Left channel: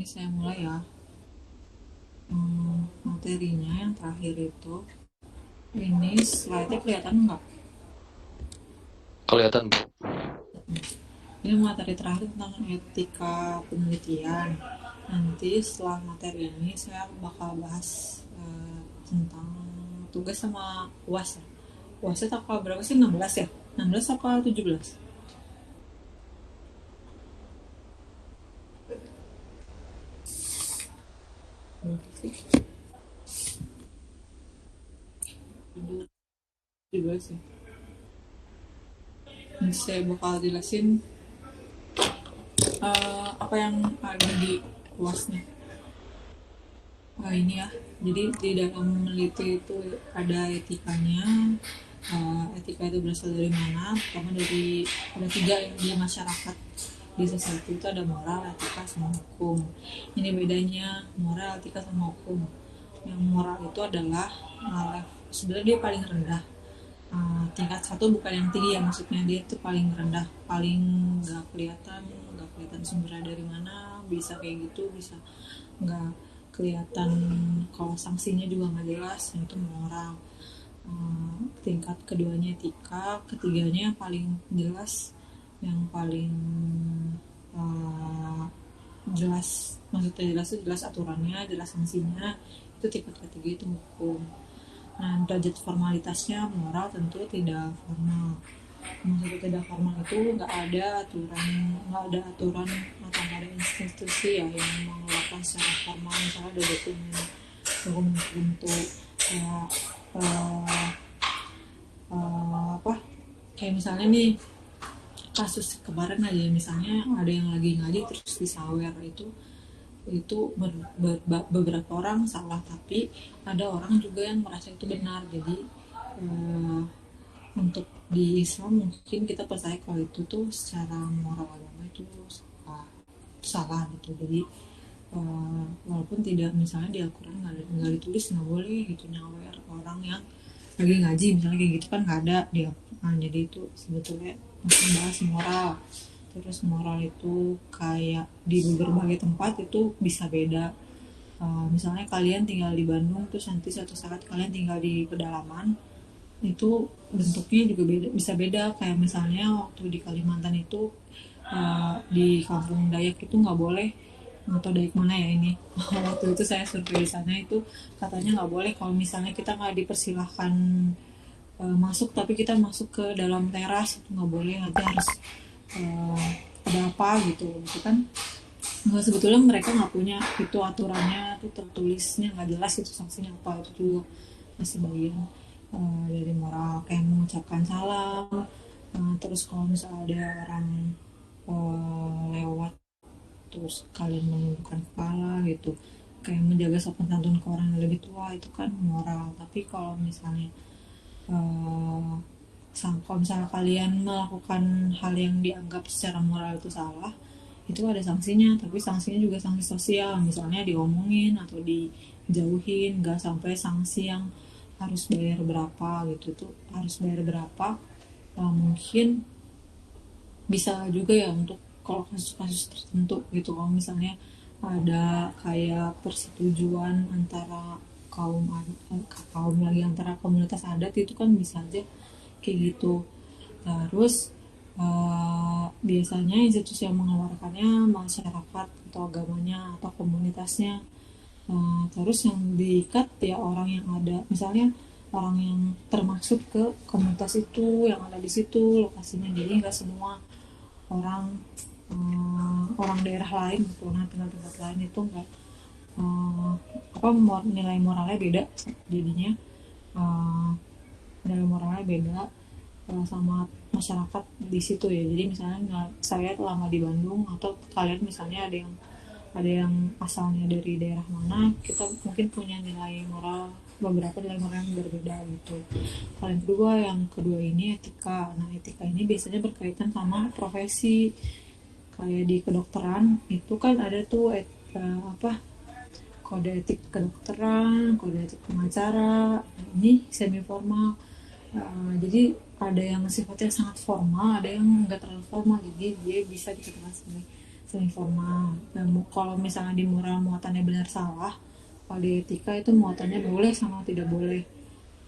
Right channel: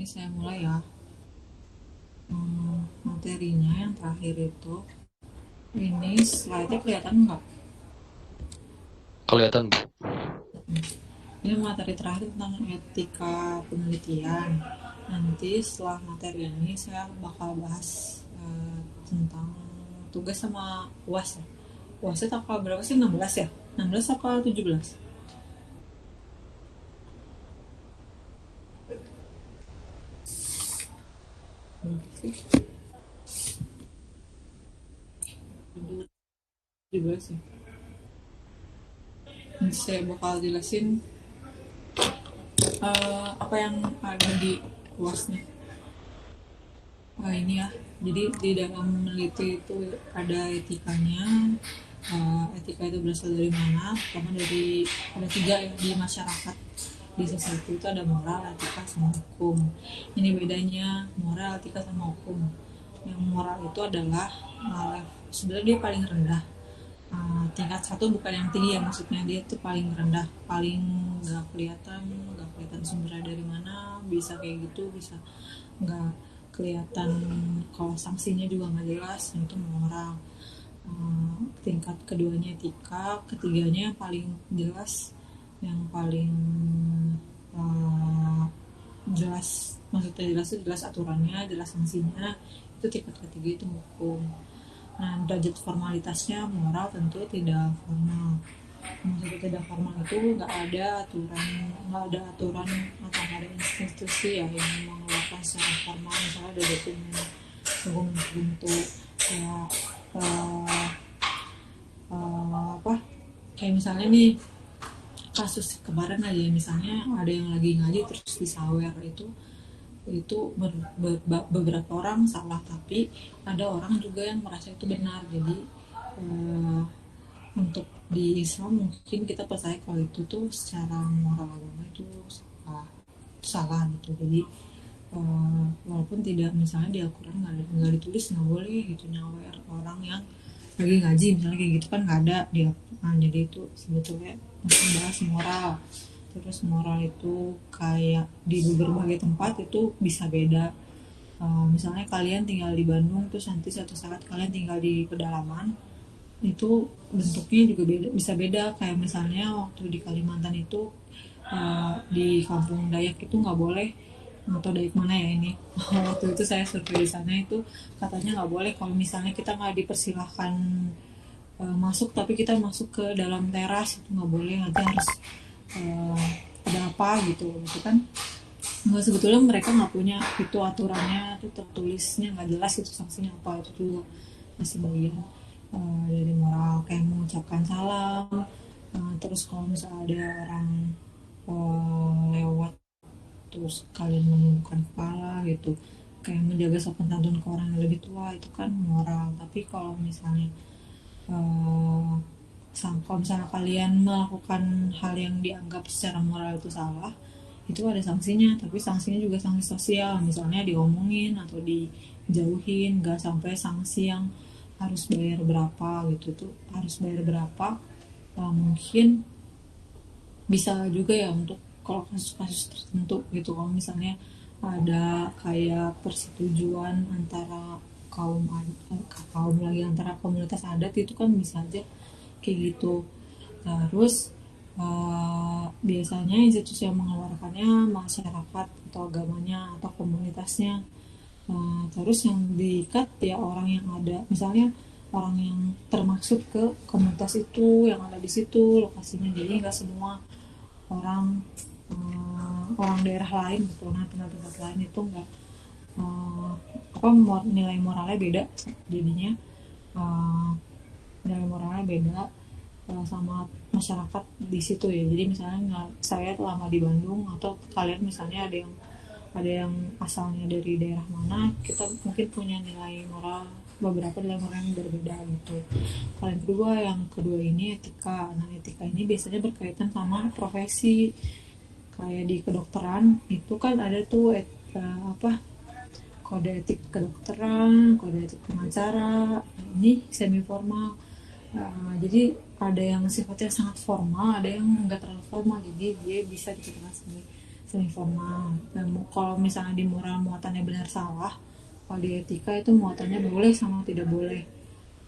Ini saya mulai ya. Materinya yang terakhir itu, ini slide-nya kelihatan nggak? Kelihatan, Bu. Ini materi terakhir tentang etika penelitian. Nanti setelah materi ini saya bakal bahas tentang tugas sama UAS. UASnya tanggal berapa sih? 16 ya? 16 apa 17? Berapa 17 ya. Nanti saya bakal jelasin apa yang ada di UASnya. Ini ya, jadi di dalam meneliti itu ada etikanya. Etika itu berasal dari mana? Pertama dari ada tiga yang di masyarakat. Di sesuatu itu ada moral, etika, sama hukum. Ini bedanya moral, etika, sama hukum. Yang moral itu adalah sebenarnya dia paling rendah. Tingkat satu bukan yang tinggi ya, maksudnya dia tuh paling rendah, paling nggak kelihatan sumbernya dari mana, bisa kayak gitu, bisa nggak kelihatan, kalau sanksinya juga nggak jelas. Nah, itu moral. Tingkat keduanya etika, ketiganya yang paling jelas, yang paling uh, jelas, maksudnya jelas itu jelas aturannya, jelas sanksinya. Itu tingkat ketiga itu hukum. Nah, derajat formalitasnya moral tentu tidak formal. Maksudnya tidak formal itu nggak ada aturan atau nggak ada institusi ya yang mengeluarkan secara formal. Misalnya ada dokumen tertentu kayak uh, apa, kayak misalnya nih kasus kemarin aja, misalnya ada yang lagi ngaji terus disawer. Itu beberapa orang salah, tapi ada orang juga yang merasa itu benar. Jadi eh, untuk di Islam mungkin kita percaya kalau itu tuh secara moral agama itu salah gitu. Jadi walaupun tidak, misalnya di Al-Quran nggak ditulis nggak boleh gitu nyawer orang yang lagi ngaji, misalnya kayak gitu kan nggak ada dia. Nah, jadi itu sebetulnya masih bahas moral. Terus moral itu kayak di berbagai tempat itu bisa beda. Misalnya kalian tinggal di Bandung terus nanti suatu saat kalian tinggal di pedalaman, itu bentuknya juga beda, bisa beda. Kayak misalnya waktu di Kalimantan itu, di kampung Dayak itu nggak boleh, atau Dayak mana ya ini, waktu itu saya survei di sana itu katanya nggak boleh kalau misalnya kita nggak dipersilahkan masuk, tapi kita masuk ke dalam teras itu nggak boleh, nanti harus uh, ada apa gitu gitu kan. Nggak, sebetulnya mereka nggak punya itu aturannya tuh tertulisnya nggak jelas itu sanksinya apa. Itu juga masih bagian dari moral, kayak mengucapkan salam. Terus kalau misalnya ada orang lewat terus kalian menundukkan kepala gitu, kayak menjaga sopan santun ke orang yang lebih tua, itu kan moral. Tapi kalau misalnya eh, kalau misalnya kalian melakukan hal yang dianggap secara moral itu salah, itu ada sanksinya. Tapi sanksinya juga sanksi sosial, misalnya diomongin atau dijauhin. Gak sampai sanksi yang harus bayar berapa gitu, tuh harus bayar berapa. Mungkin bisa juga ya untuk kalau kasus-kasus tertentu gitu, kalau misalnya ada kayak persetujuan antara kaum kaum lagi antara komunitas adat, itu kan bisa aja kayak gitu. Terus biasanya institusi yang mengeluarkannya masyarakat atau agamanya atau komunitasnya. Terus yang diikat ya orang yang ada, misalnya orang yang termaksud ke komunitas itu yang ada di situ lokasinya. Jadi nggak semua orang orang daerah lain gitu, nah tempat-tempat lain itu nggak eh, apa, nilai moralnya beda jadinya. eh, Nilai moralnya beda sama masyarakat di situ ya. Jadi misalnya saya lama di Bandung atau kalian misalnya ada yang asalnya dari daerah mana, kita mungkin punya nilai moral, beberapa nilai moral yang berbeda gitu. Yang kedua ini etika. Nah, etika ini biasanya berkaitan sama profesi. Kayak di kedokteran itu kan ada tuh apa, kode etik kedokteran, kode etik pengacara. Ini semi formal. Jadi ada yang sifatnya sangat formal, ada yang enggak terlalu formal, jadi dia bisa dikatakan sebagai seni formal. Dan kalau misalnya di moral muatannya benar salah, kalau di etika itu muatannya boleh sama tidak boleh.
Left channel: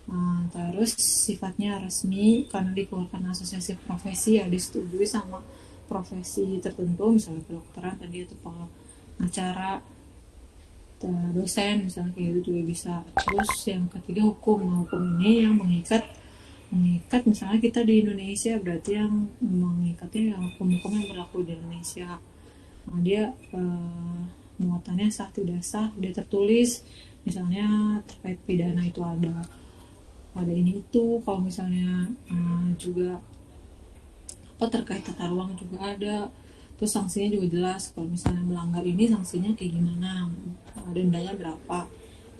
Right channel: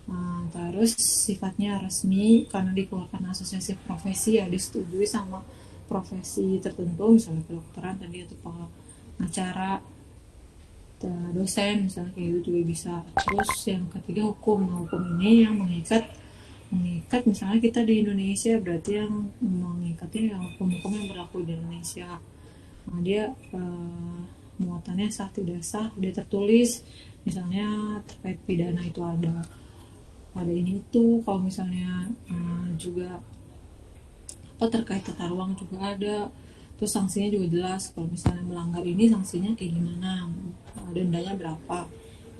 Nah, terus sifatnya resmi karena dikeluarkan asosiasi profesi ya disetujui sama profesi tertentu, misalnya kedokteran tadi atau pengacara, dosen misalnya kayak gitu juga bisa. Terus yang ketiga hukum. Nah, hukum ini yang mengikat mengikat misalnya kita di Indonesia, berarti yang mengikatnya yang hukum-hukum yang berlaku di Indonesia. Nah, dia muatannya sah tidak sah dia tertulis, misalnya terkait pidana itu ada ini itu. Kalau misalnya juga apa terkait tata ruang juga ada, terus sanksinya juga jelas. Kalau misalnya melanggar ini sanksinya kayak gimana, dendanya berapa,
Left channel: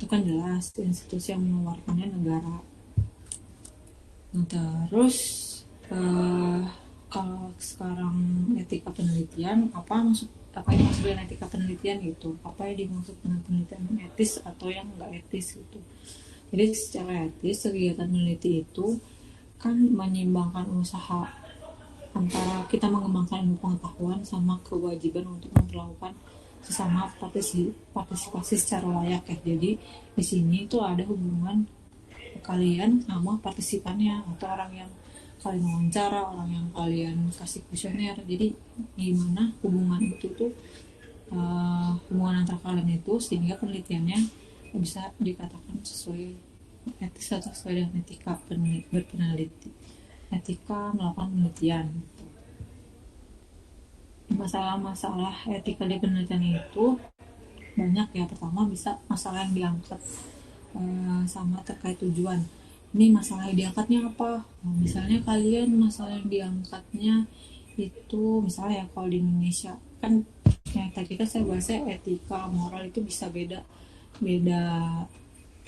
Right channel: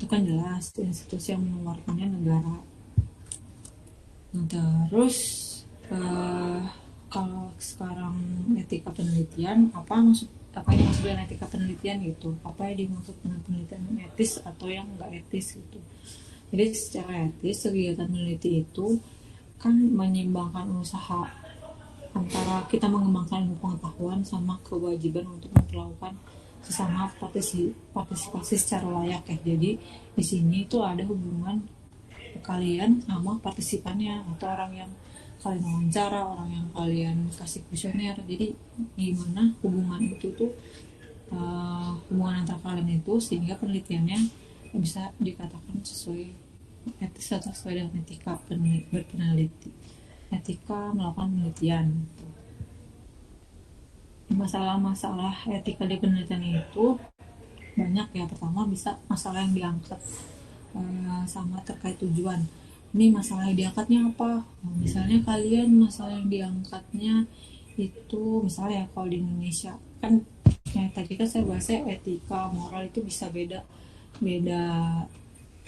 itu kan jelas. Institusi yang mengeluarkannya negara. Nah, terus eh, kalau sekarang etika penelitian, apa yang dimaksud dengan etika penelitian gitu, apa yang dimaksud dengan penelitian yang etis atau yang enggak etis gitu. Jadi secara etis kegiatan meneliti itu kan menyeimbangkan usaha antara kita mengembangkan ilmu pengetahuan sama kewajiban untuk memperlakukan sesama partisipasi secara layak ya. Jadi di sini itu ada hubungan kalian sama partisipannya atau orang yang kalian wawancara, orang yang kalian kasih kuesioner. Jadi gimana hubungan itu tuh, hubungan antara kalian itu sehingga penelitiannya bisa dikatakan sesuai etis atau sesuai dengan etika berpeneliti, etika melakukan penelitian gitu. Masalah-masalah etika di penelitian itu banyak ya. Pertama bisa masalah yang diangkat sama terkait tujuan. Ini masalah yang diangkatnya apa? Nah, misalnya kalian masalah yang diangkatnya itu misalnya ya, kalau di Indonesia kan yang tadi kan saya bahasnya etika moral itu bisa beda beda,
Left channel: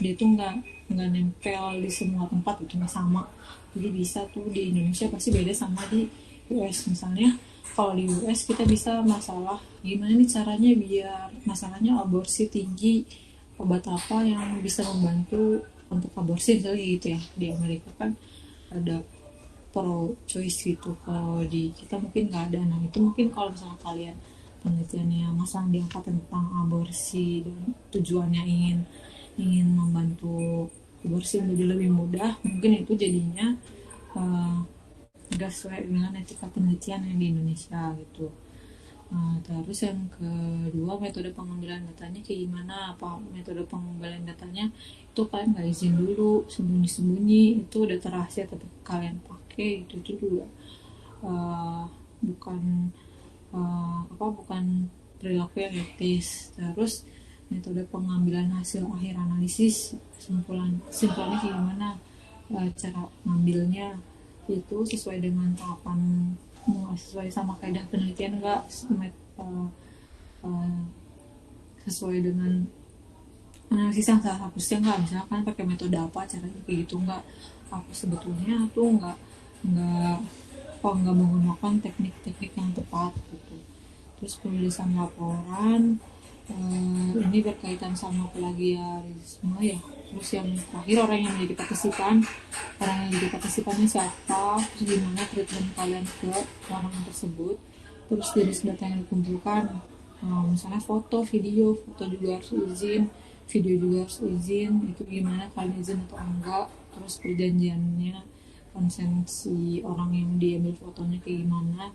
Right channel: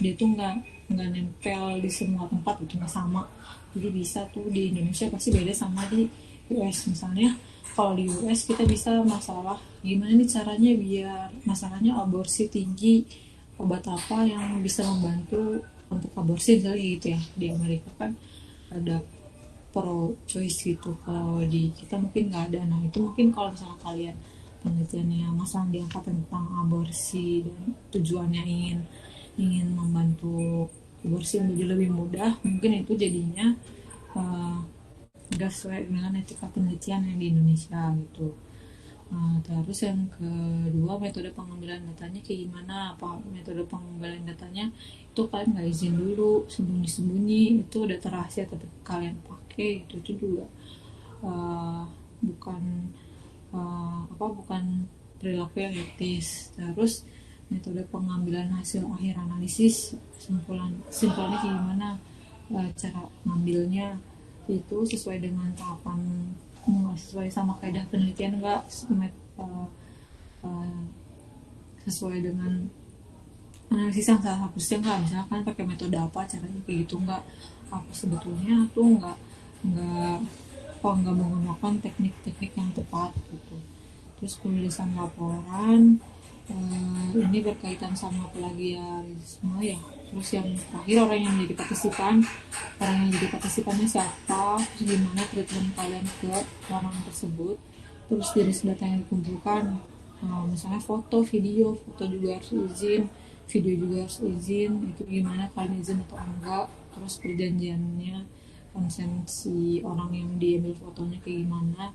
dia tuh nggak nempel di semua tempat, itu nggak sama. Jadi bisa tuh di Indonesia pasti beda sama di US. Misalnya kalau di US kita bisa masalah gimana nih caranya biar masalahnya aborsi tinggi, obat apa yang bisa membantu untuk aborsi misalnya gitu ya. Di Amerika kan ada pro choice gitu, kalau di kita mungkin nggak ada. Nah itu mungkin kalau misalnya kalian penelitiannya masalah diangkat tentang aborsi dan tujuannya ingin ingin membantu aborsi menjadi lebih mudah, mungkin itu jadinya nggak sesuai dengan etika penelitian yang di Indonesia gitu. Terus yang kedua, metode pengambilan datanya kayak gimana, apa metode pengambilan datanya itu kalian nggak izin dulu, sembunyi-sembunyi, itu data rahasia tetap kalian pakai, itu juga uh, bukan bukan perilaku yang etis. Terus metode pengambilan hasil akhir analisis, simpulannya kayak gimana, cara ngambilnya itu sesuai dengan tahapan, sesuai sama kaidah penelitian enggak, sesuai dengan analisis yang salah hapusnya enggak, misalkan pakai metode apa caranya kayak gitu enggak, apa sebetulnya tuh enggak enggak menggunakan teknik-teknik yang tepat gitu. Terus penulisan laporan, ini berkaitan sama plagiarisme ya. Terus yang terakhir, orang yang jadi partisipannya siapa, terus gimana treatment kalian ke orang tersebut, terus jenis data yang dikumpulkan, misalnya foto juga harus izin, video juga harus izin, itu gimana kalian izin atau enggak, terus perjanjiannya, konsen si orang yang diambil fotonya kayak gimana,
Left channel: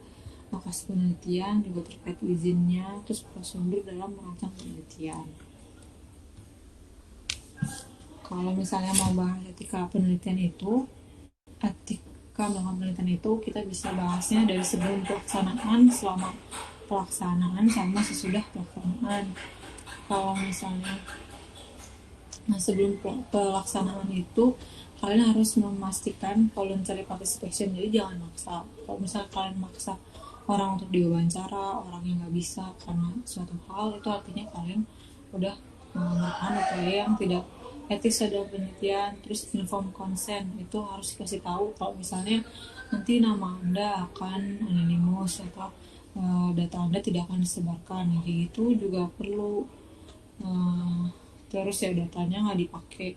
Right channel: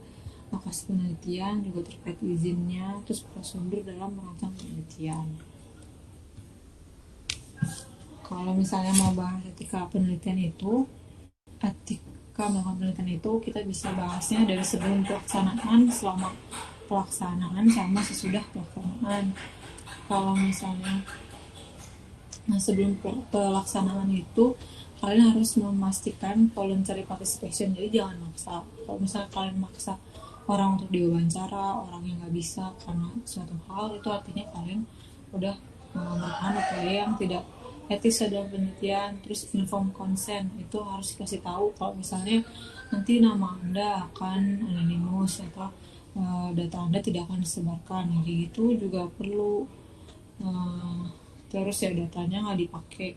lokasi penelitian juga terkait izinnya, terus prosedur dalam melakukan penelitian. Kalau misalnya mau bahas etika melakukan penelitian itu kita bisa bahasnya dari sebelum pelaksanaan, selama pelaksanaan, sama sesudah pelaksanaan. Kalau misalnya sebelum pelaksanaan itu kalian harus memastikan voluntary participation, jadi jangan maksa. Kalau misalnya kalian maksa orang untuk diwawancara, orang yang nggak bisa karena suatu hal, itu artinya kalian udah melakukan upaya yang tidak etis dalam penelitian. Terus inform consent, itu harus dikasih tahu kalau misalnya nanti nama Anda akan anonimus atau data Anda tidak akan disebarkan, jadi itu juga perlu. Terus ya datanya nggak dipakai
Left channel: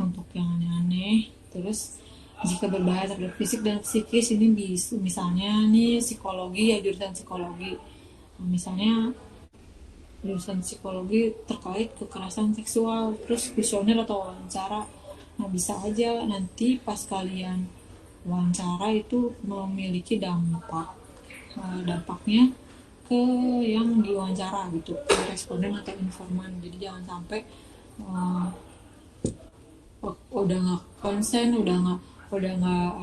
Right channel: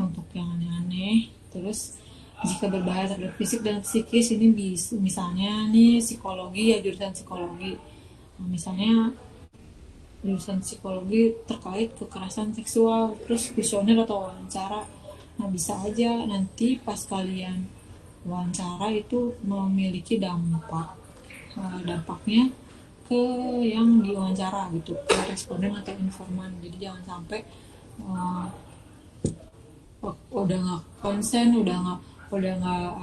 untuk yang aneh-aneh. Terus jika berbahaya terhadap fisik dan psikis, ini misalnya nih psikologi ya, jurusan psikologi Misalnya jurusan psikologi terkait kekerasan seksual, terus kuesioner atau wawancara. Nah, bisa aja nanti pas kalian wawancara itu memiliki dampaknya ke yang diwawancara gitu, ke responden atau informan. Jadi jangan sampai uh, udah nggak konsen, udah nggak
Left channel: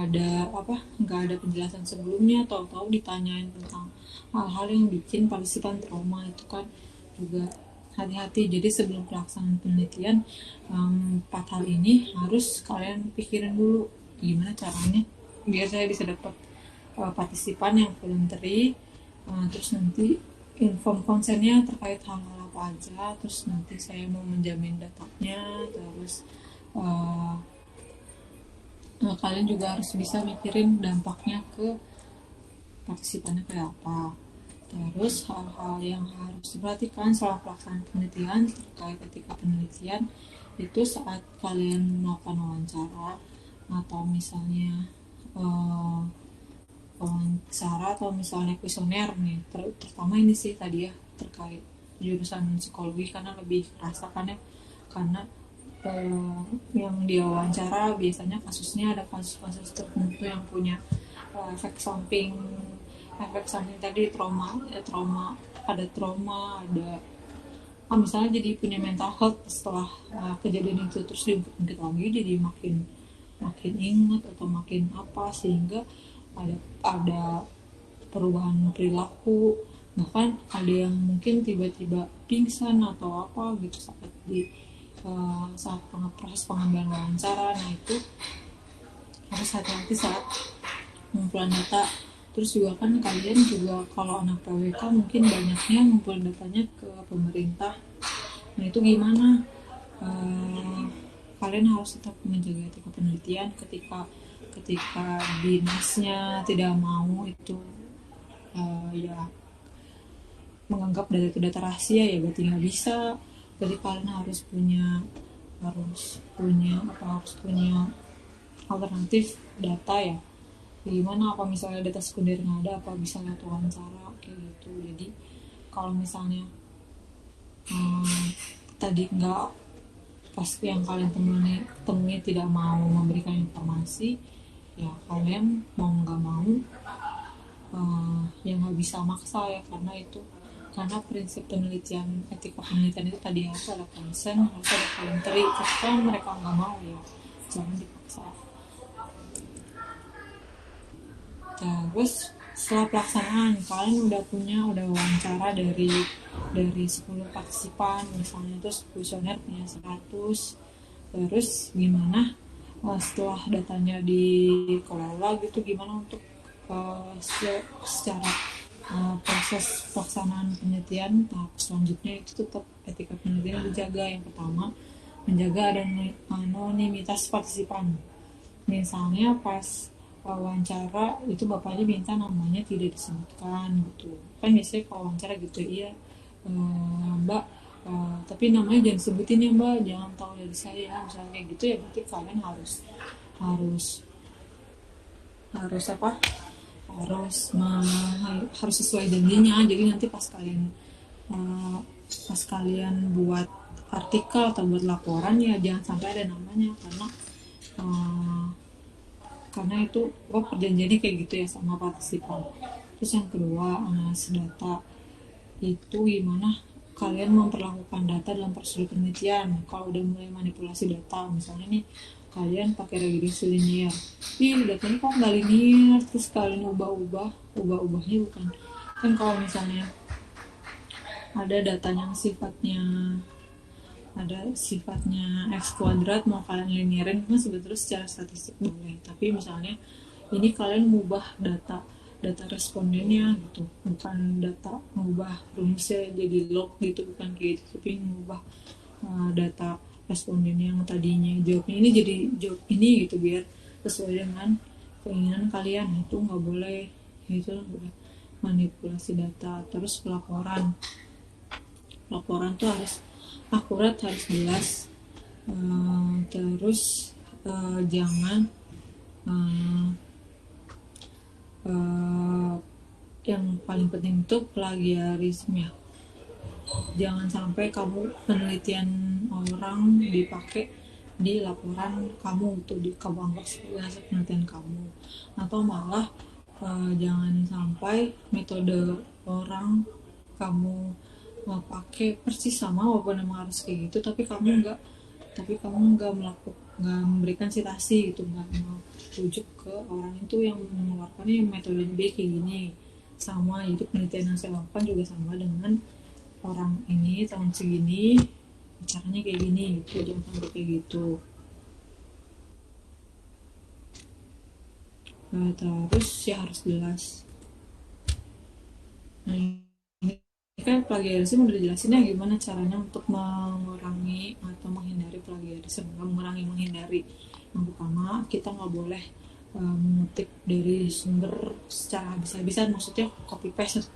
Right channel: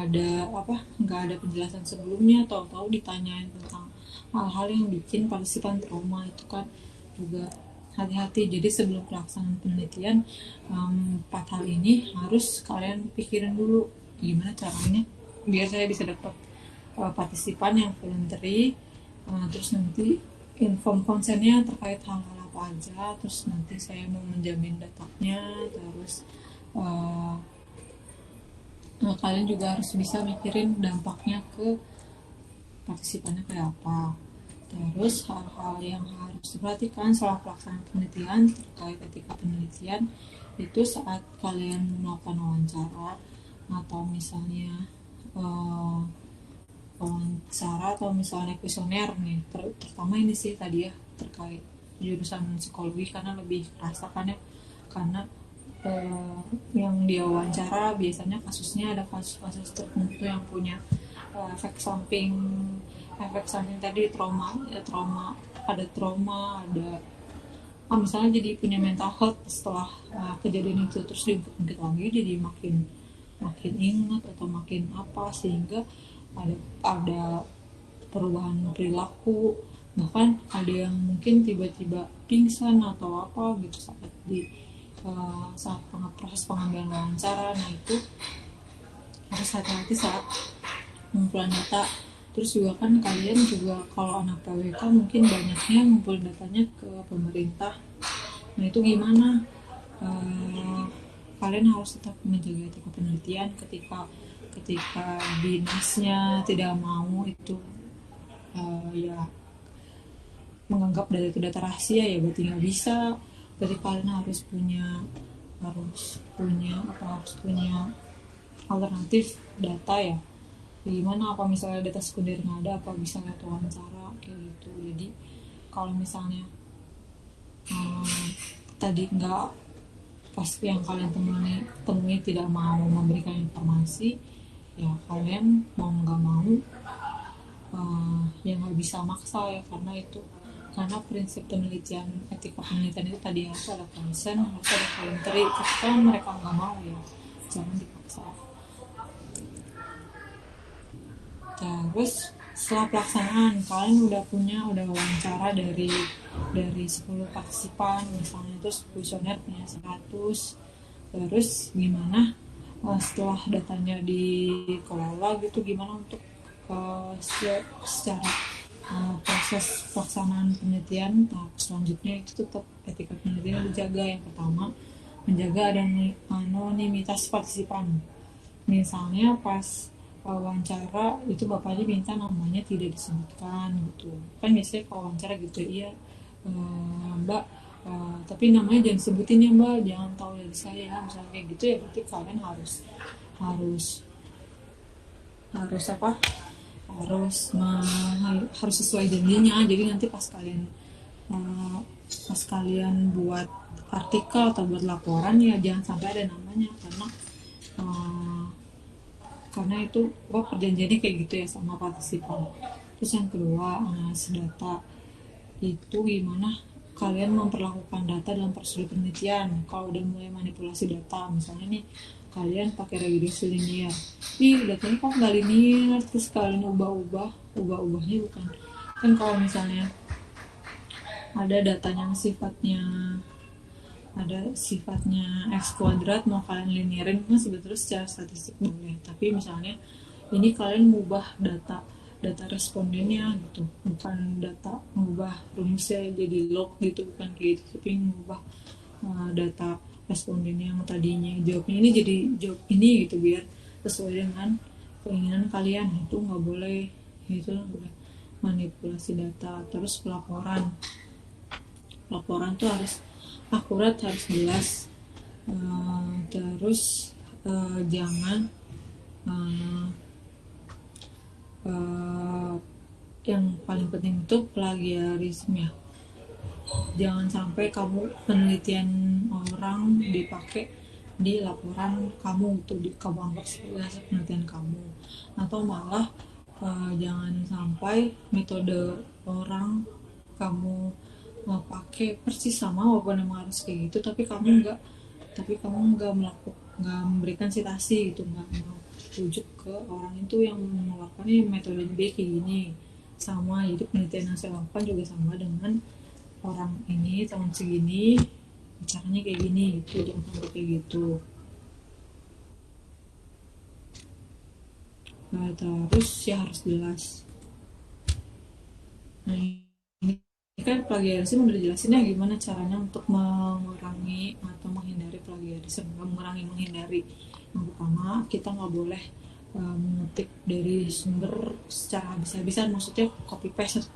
ada nggak ada penjelasan sebelumnya, tahu-tahu ditanyain tentang hal-hal yang bikin partisipan trauma. Itu kan juga hati-hati. Jadi sebelum pelaksanaan penelitian, 4 hal ini harus kalian pikirin dulu gimana caranya biar saya bisa dapat partisipan yang voluntary. Terus nanti inform konsennya terkait hal-hal apa aja, terus nanti saya mau menjamin datanya, terus uh, kalian juga harus bisa mikirin dampaknya ke partisipannya kayak apa. Terus hal-hal yang harus diperhatikan selama pelaksanaan penelitian terkait etika penelitian itu saat kalian melakukan wawancara atau misalnya uh, wawancara atau misalnya kuesioner nih, terutama ini sih tadi ya terkait jurusan psikologi karena lebih rasakan ya, karena yang dia wawancara biasanya kasusnya ada kasus-kasus tertentu yang punya efek samping tadi trauma ada misalnya jadi punya mental health setelah kejadian itu, terus diungkit lagi jadi makin makin ingat atau makin apa, sehingga ada perubahan perilaku, bahkan ada yang mungkin tiba-tiba pingsan atau apa gitu saat proses pengambilan wawancara. Nah itu harus hati-hati saat pengumpulan data. Terus juga kan kalian juga kalau anak PWK mungkin banyaknya ngumpulin datanya ke pemerintah. Nah itu gimana? Kalian harus tetap menjaga etika penelitian ketika dinasnya tidak mau itu ya menganggap data itu data rahasia, ya berarti nggak bisa. Berarti kalian harus punya alternatif data ya. Gimana apa misalnya data sekunder nggak ada, apa bisa lewat wawancara kayak gitu. Jadi kalau misalnya tadi nggak pas yang kalian temui tidak mau memberikan informasi, ya kalian mau nggak mau ya nggak bisa maksa ya, karena prinsip penelitian, etika penelitian itu tadi harus ada konsen, harus ada voluntary. Ketika mereka nggak mau ya jangan dipaksa. Terus setelah pelaksanaan kalian udah wawancara dari 10 partisipan misalnya, terus kuesioner punya 100. Terus gimana setelah datanya dikelola gitu, gimana untuk secara proses pelaksanaan penelitian tahap selanjutnya itu tetap etika penelitian dijaga. Yang pertama, menjaga anonimitas partisipan. Misalnya pas wawancara itu bapaknya minta namanya tidak disebutkan gitu kan, biasanya kalau wawancara gitu, iya mbak, tapi namanya jangan sebutin ya mbak, jangan tahu dari saya, misalnya kayak gitu ya. Berarti kalian harus harus harus apa harus sesuai janjinya. Jadi nanti pas kalian buat artikel atau buat laporan ya jangan sampai ada namanya, karena itu perjanjiannya kayak gitu ya sama partisipan. Terus yang kedua, analisis data itu gimana kalian memperlakukan data dalam prosedur penelitian. Kalau udah mulai manipulasi data, misalnya nih kalian pakai regresi linear, datanya kok nggak linear, terus kalian ubahnya bukan kan. Kalau misalnya ada data yang sifatnya x kuadrat, mau kalian linearin kan sebetulnya secara statistik boleh, tapi misalnya ini kalian mengubah data respondennya gitu, bukan data mengubah rumusnya jadi log gitu, bukan kayak gitu, tapi mengubah data responden yang tadinya jawabnya ini jadi jawab ini gitu biar sesuai dengan keinginan kalian. Itu nggak boleh, itu manipulasi data. Terus laporan tuh harus akurat, harus jelas. Terus jangan yang paling penting itu plagiarisme ya. Jangan sampai kamu penelitian orang dipakai di laporan kamu tuh di kamu anggap sebagai penelitian kamu, atau malah jangan sampai metode orang kamu pakai persis sama walaupun emang harus kayak gitu, tapi kamu nggak melakukan, nggak memberikan citasi gitu, nggak mau rujuk ke orang itu yang mengeluarkannya metode B kayak gini sama. Jadi penelitian yang saya lakukan juga sama dengan orang ini tahun segini caranya kayak gini gitu, jangan sampai kayak gitu. Nah, terus ya harus jelas. Nah, ini kan plagiarisme udah dijelasin ya gimana caranya untuk mengurangi atau menghindari plagiarisme. Menghindari, yang pertama kita nggak boleh mengutip dari sumber secara habis-habisan, maksudnya copy paste satu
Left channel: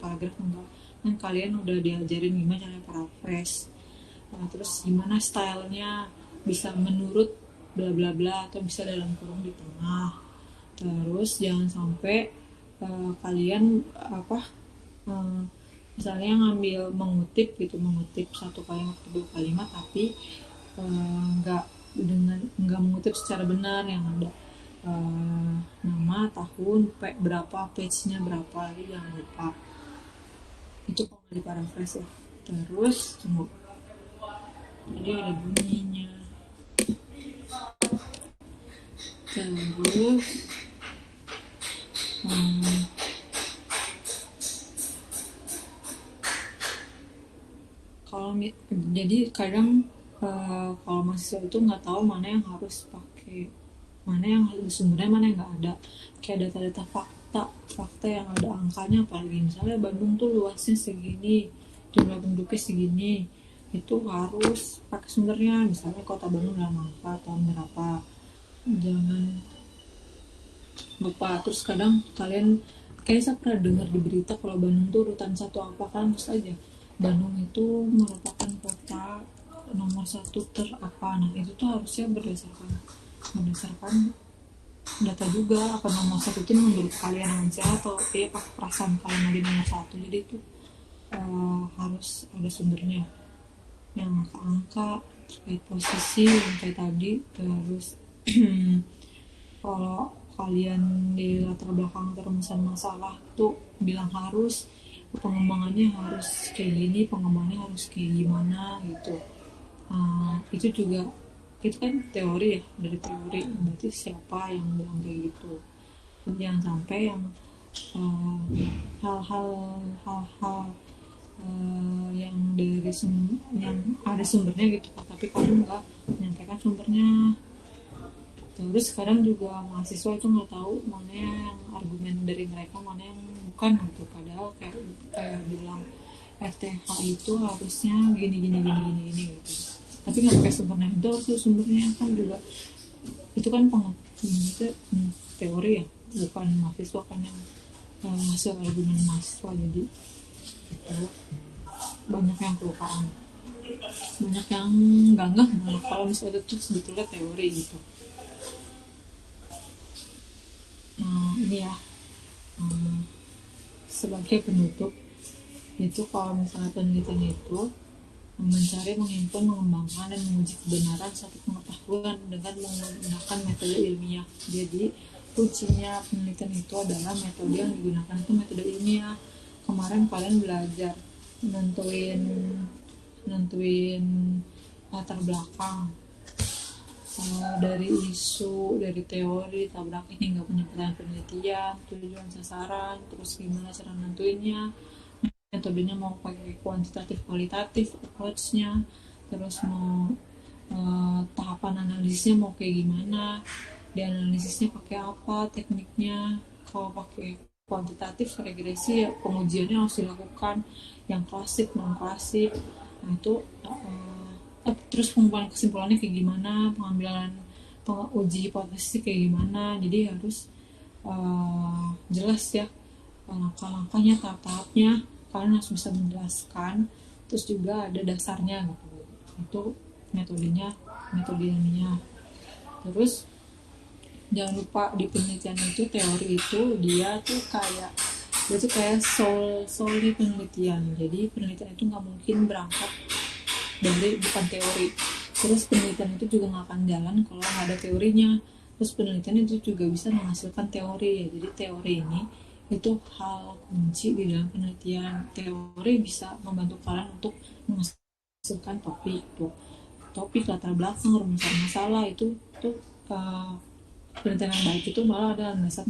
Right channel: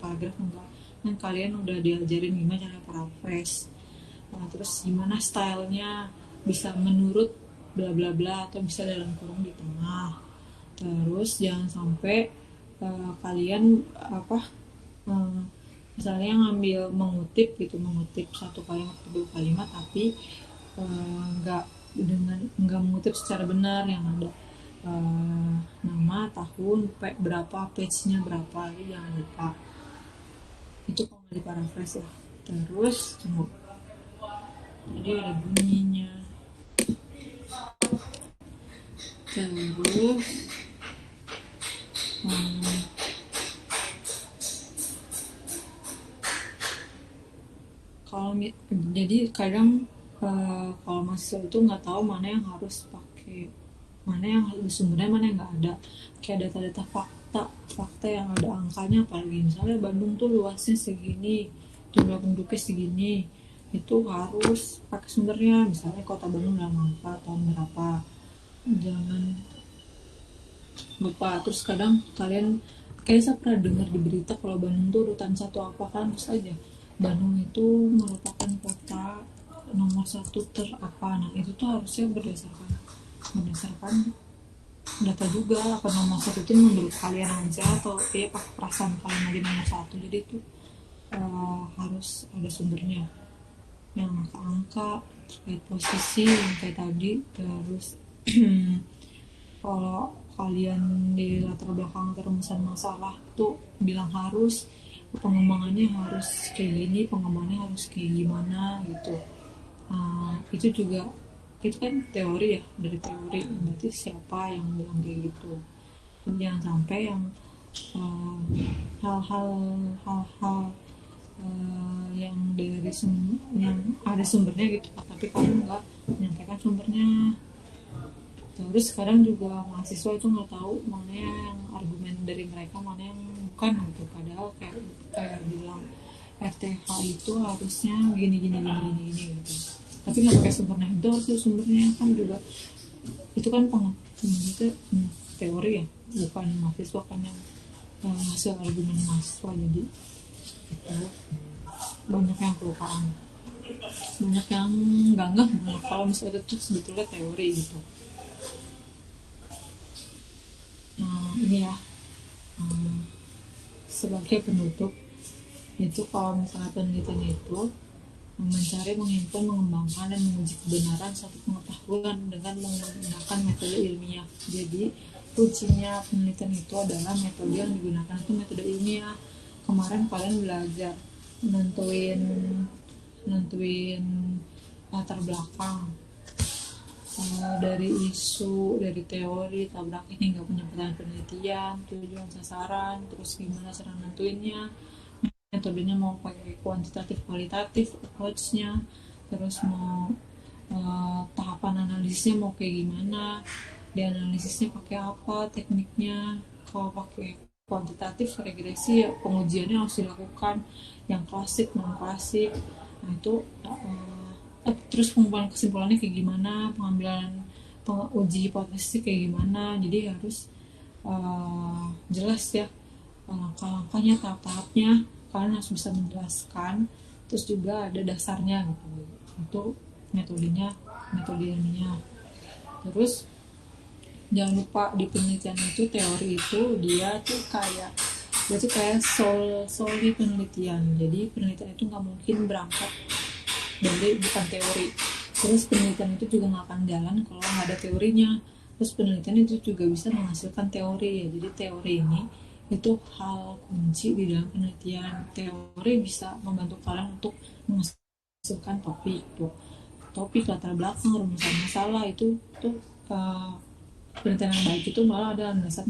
paragraf enggak. Kan kalian udah diajarin gimana cara paraphrase. Nah, terus gimana stylenya bisa menurut bla bla bla atau bisa dalam kurung di tengah. Terus jangan sampai kalian apa eh, misalnya ngambil mengutip satu kalimat atau dua kalimat, tapi nggak nggak mengutip secara benar, yang ada nama, tahun, berapa, page-nya berapa, itu jangan lupa. Itu kalau nggak di paraphrase ya. Terus tunggu, jadi ada bunyinya. Terus hmm, kalau jadi kadang kalau mahasiswa itu nggak tahu mana yang harus pakai, mana yang harus sumbernya, mana yang nggak ada. Kayak data-data fakta yang ada angkanya, apalagi misalnya Bandung tuh luasnya segini, jumlah penduduknya segini, itu harus pakai sumbernya, misalnya kota Bandung dalam angka tahun berapa. Jangan lupa. Terus kadang kalian kayak saya pernah dengar di berita kalau Bandung tuh urutan satu apa, kan terus aja Bandung itu merupakan kota nomor satu terapa. Nah itu tuh harusnya berdasarkan data juga, apa nomor satu itu menurut kalian aja atau pakai perasaan kalian aja nomor satu. Jadi itu harus ada sumbernya, yang angka-angka terkait posisi yang kayak tadi. Terus kalau kalian di latar belakang terumusan masalah tuh bilang harus pengembangannya harus kayak gini, pengembangannya harus kayak gimana gitu. Itu juga, itu kan teori ya, dari teori berarti siapa yang bilang kayak gitu. Jangan sampai yang uh, hal-hal hal-hal yang yang ada sumbernya gitu, tapi kamu nggak menyampaikan sumbernya. Terus kadang juga mahasiswa itu nggak tahu mana yang argumen dari mereka, mana yang bukan gitu. Padahal kayak bilang RTH itu harusnya gini gini gini gini gini gitu. Tapi nggak pakai sumbernya, itu harus sumbernya kan juga. Itu kan itu teori ya, bukan mahasiswa kan yang hasil argumen mahasiswa. Jadi itu banyak yang kelupaan, banyak yang nggak kalau misalnya itu sebetulnya teori gitu. Nah ini ya, sebagai penutup, itu kalau misalnya penelitian itu mencari, menghimpun, mengembangkan, dan menguji kebenaran satu pengetahuan dengan menggunakan metode ilmiah. Jadi kuncinya penelitian itu adalah metode yang digunakan itu metode ilmiah. Kemarin kalian belajar nentuin nentuin latar belakang, dari isu, dari teori, tabrakin hingga penyebutkan penelitian, tujuan sasaran, terus gimana cara nentuinnya, metodenya mau pakai kuantitatif kualitatif approach-nya, terus mau tahapan analisisnya mau kayak gimana, dianalisisnya pakai apa tekniknya. Kalau pakai kuantitatif regresi ya pengujiannya harus dilakukan yang klasik non klasik. Nah itu terus pengumpulan kesimpulannya kayak gimana, pengambilan uji hipotesis kayak gimana. Jadi harus jelas ya langkah-langkahnya, tahap-tahapnya. Kalian harus bisa menjelaskan, terus juga ada dasarnya gitu. Itu metodenya, metode ilmiah. Terus jangan lupa di penelitian itu, teori itu dia tuh kayak Berarti kayak solely penelitian. Jadi penelitian itu nggak mungkin berangkat dari bukan teori. Terus penelitian itu juga nggak akan jalan kalau nggak ada teorinya. Terus penelitian itu juga bisa menghasilkan teori ya. Jadi teori ini itu hal kunci di dalam penelitian. Teori bisa membantu kalian untuk menghasilkan topik latar belakang rumusan masalah itu tuh penelitian yang baik itu malah ada landasan,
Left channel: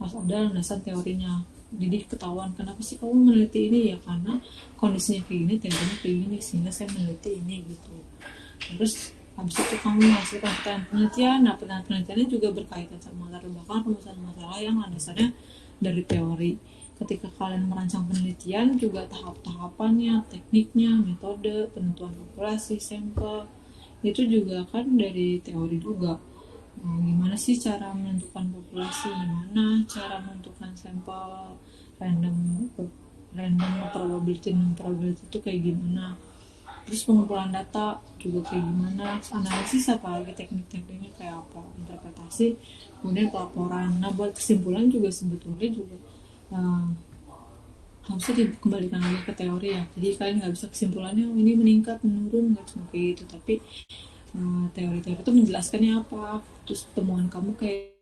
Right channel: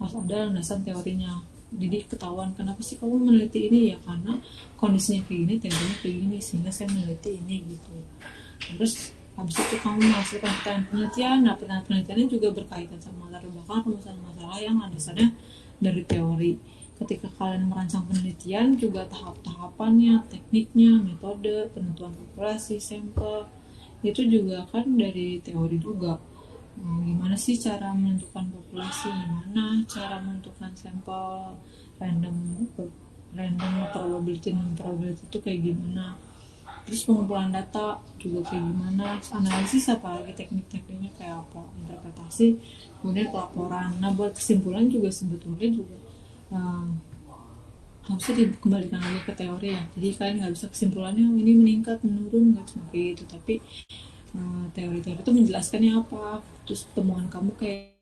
harus ada landasan teorinya. Jadi ketahuan kenapa sih kamu meneliti ini, ya karena kondisinya kayak gini, teorinya kayak gini, sehingga saya meneliti ini gitu. Terus habis itu kamu menghasilkan pertanyaan penelitian. Nah, pertanyaan penelitiannya juga berkaitan sama latar belakang rumusan masalah yang landasannya dari teori. Ketika kalian merancang penelitian juga tahap-tahapannya, tekniknya, metode, penentuan populasi, sampel, itu juga kan dari teori juga. Gimana sih cara menentukan populasi, gimana cara menentukan sampel, random random probability itu kayak gimana, terus pengumpulan data juga kayak gimana, analisis apalagi teknik-tekniknya kayak apa, interpretasi, kemudian pelaporan. Nah, buat kesimpulan juga sebetulnya juga uh, harusnya dikembalikan lagi ke teori ya. Jadi kalian nggak bisa kesimpulannya ini meningkat menurun, nggak cuma kayak gitu, tapi teori-teori itu menjelaskannya apa, terus temuan kamu kayak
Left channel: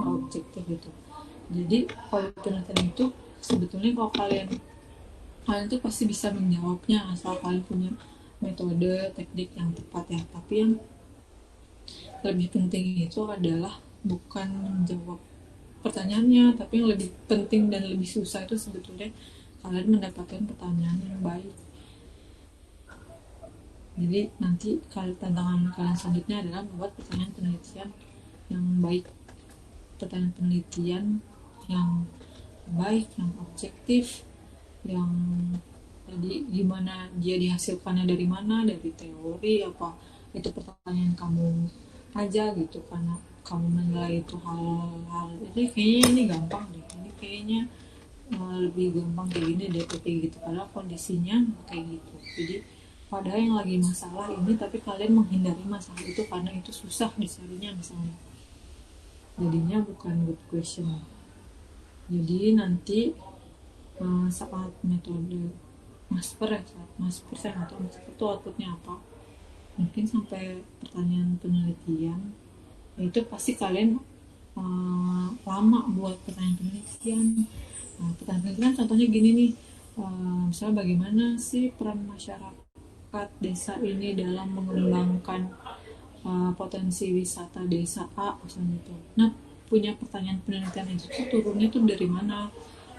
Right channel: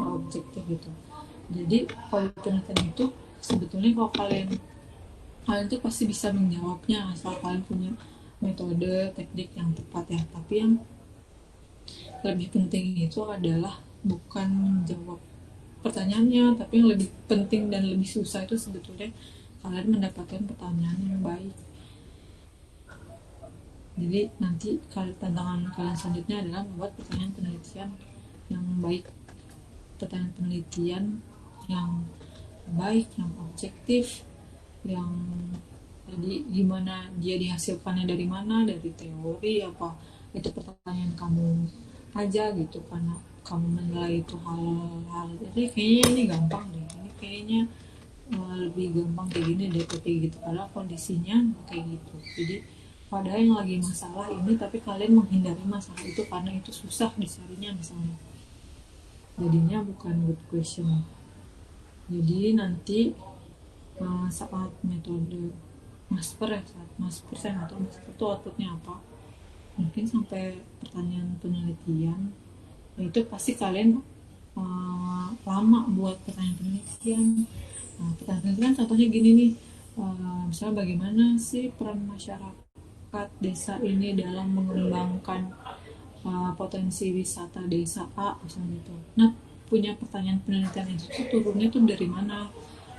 objektif gitu. Jadi kalau penelitian itu sebetulnya kalau kalian kalian tuh pasti bisa menjawabnya asal kalian punya metode teknik yang tepat ya. Tapi yang lebih penting itu adalah bukan menjawab pertanyaannya, tapi yang lebih penting dan lebih susah itu sebetulnya kalian mendapatkan pertanyaan yang baik. Jadi nanti kalau tantangan kalian selanjutnya adalah membuat pertanyaan penelitian yang baik, pertanyaan penelitian yang baik, yang objektif, yang jadi gimana dia dihasilkannya, dari mana, dari teori apa, itu pertanyaan kamu aja gitu, karena kamu menilai itu hal-hal jadi kayaknya ini gampang deh, ini kayaknya lebih gampang kayak gini deh kayak gitu, padahal kondisinya kayak gitu. Jadi padahal yang lagi masalah ini tapi kalian menghindari masalah itu karena itu susah dicarinya misalnya, jadinya bukan good question. Jadi nanti saat metode master ya, saat master saya nggak tahu master itu outputnya apa, mungkin sampai pertanyaan penelitian, ya itu pasti kalian lama buat pertanyaan penelitian. Nah, pertanyaan penelitian contohnya gini nih, misalnya bagaimana sih peran masyarakat desa ini dalam mengembangkan potensi wisata desa A misalnya itu. Nah, punya pertanyaan penelitian itu turunnya tuh dari mana?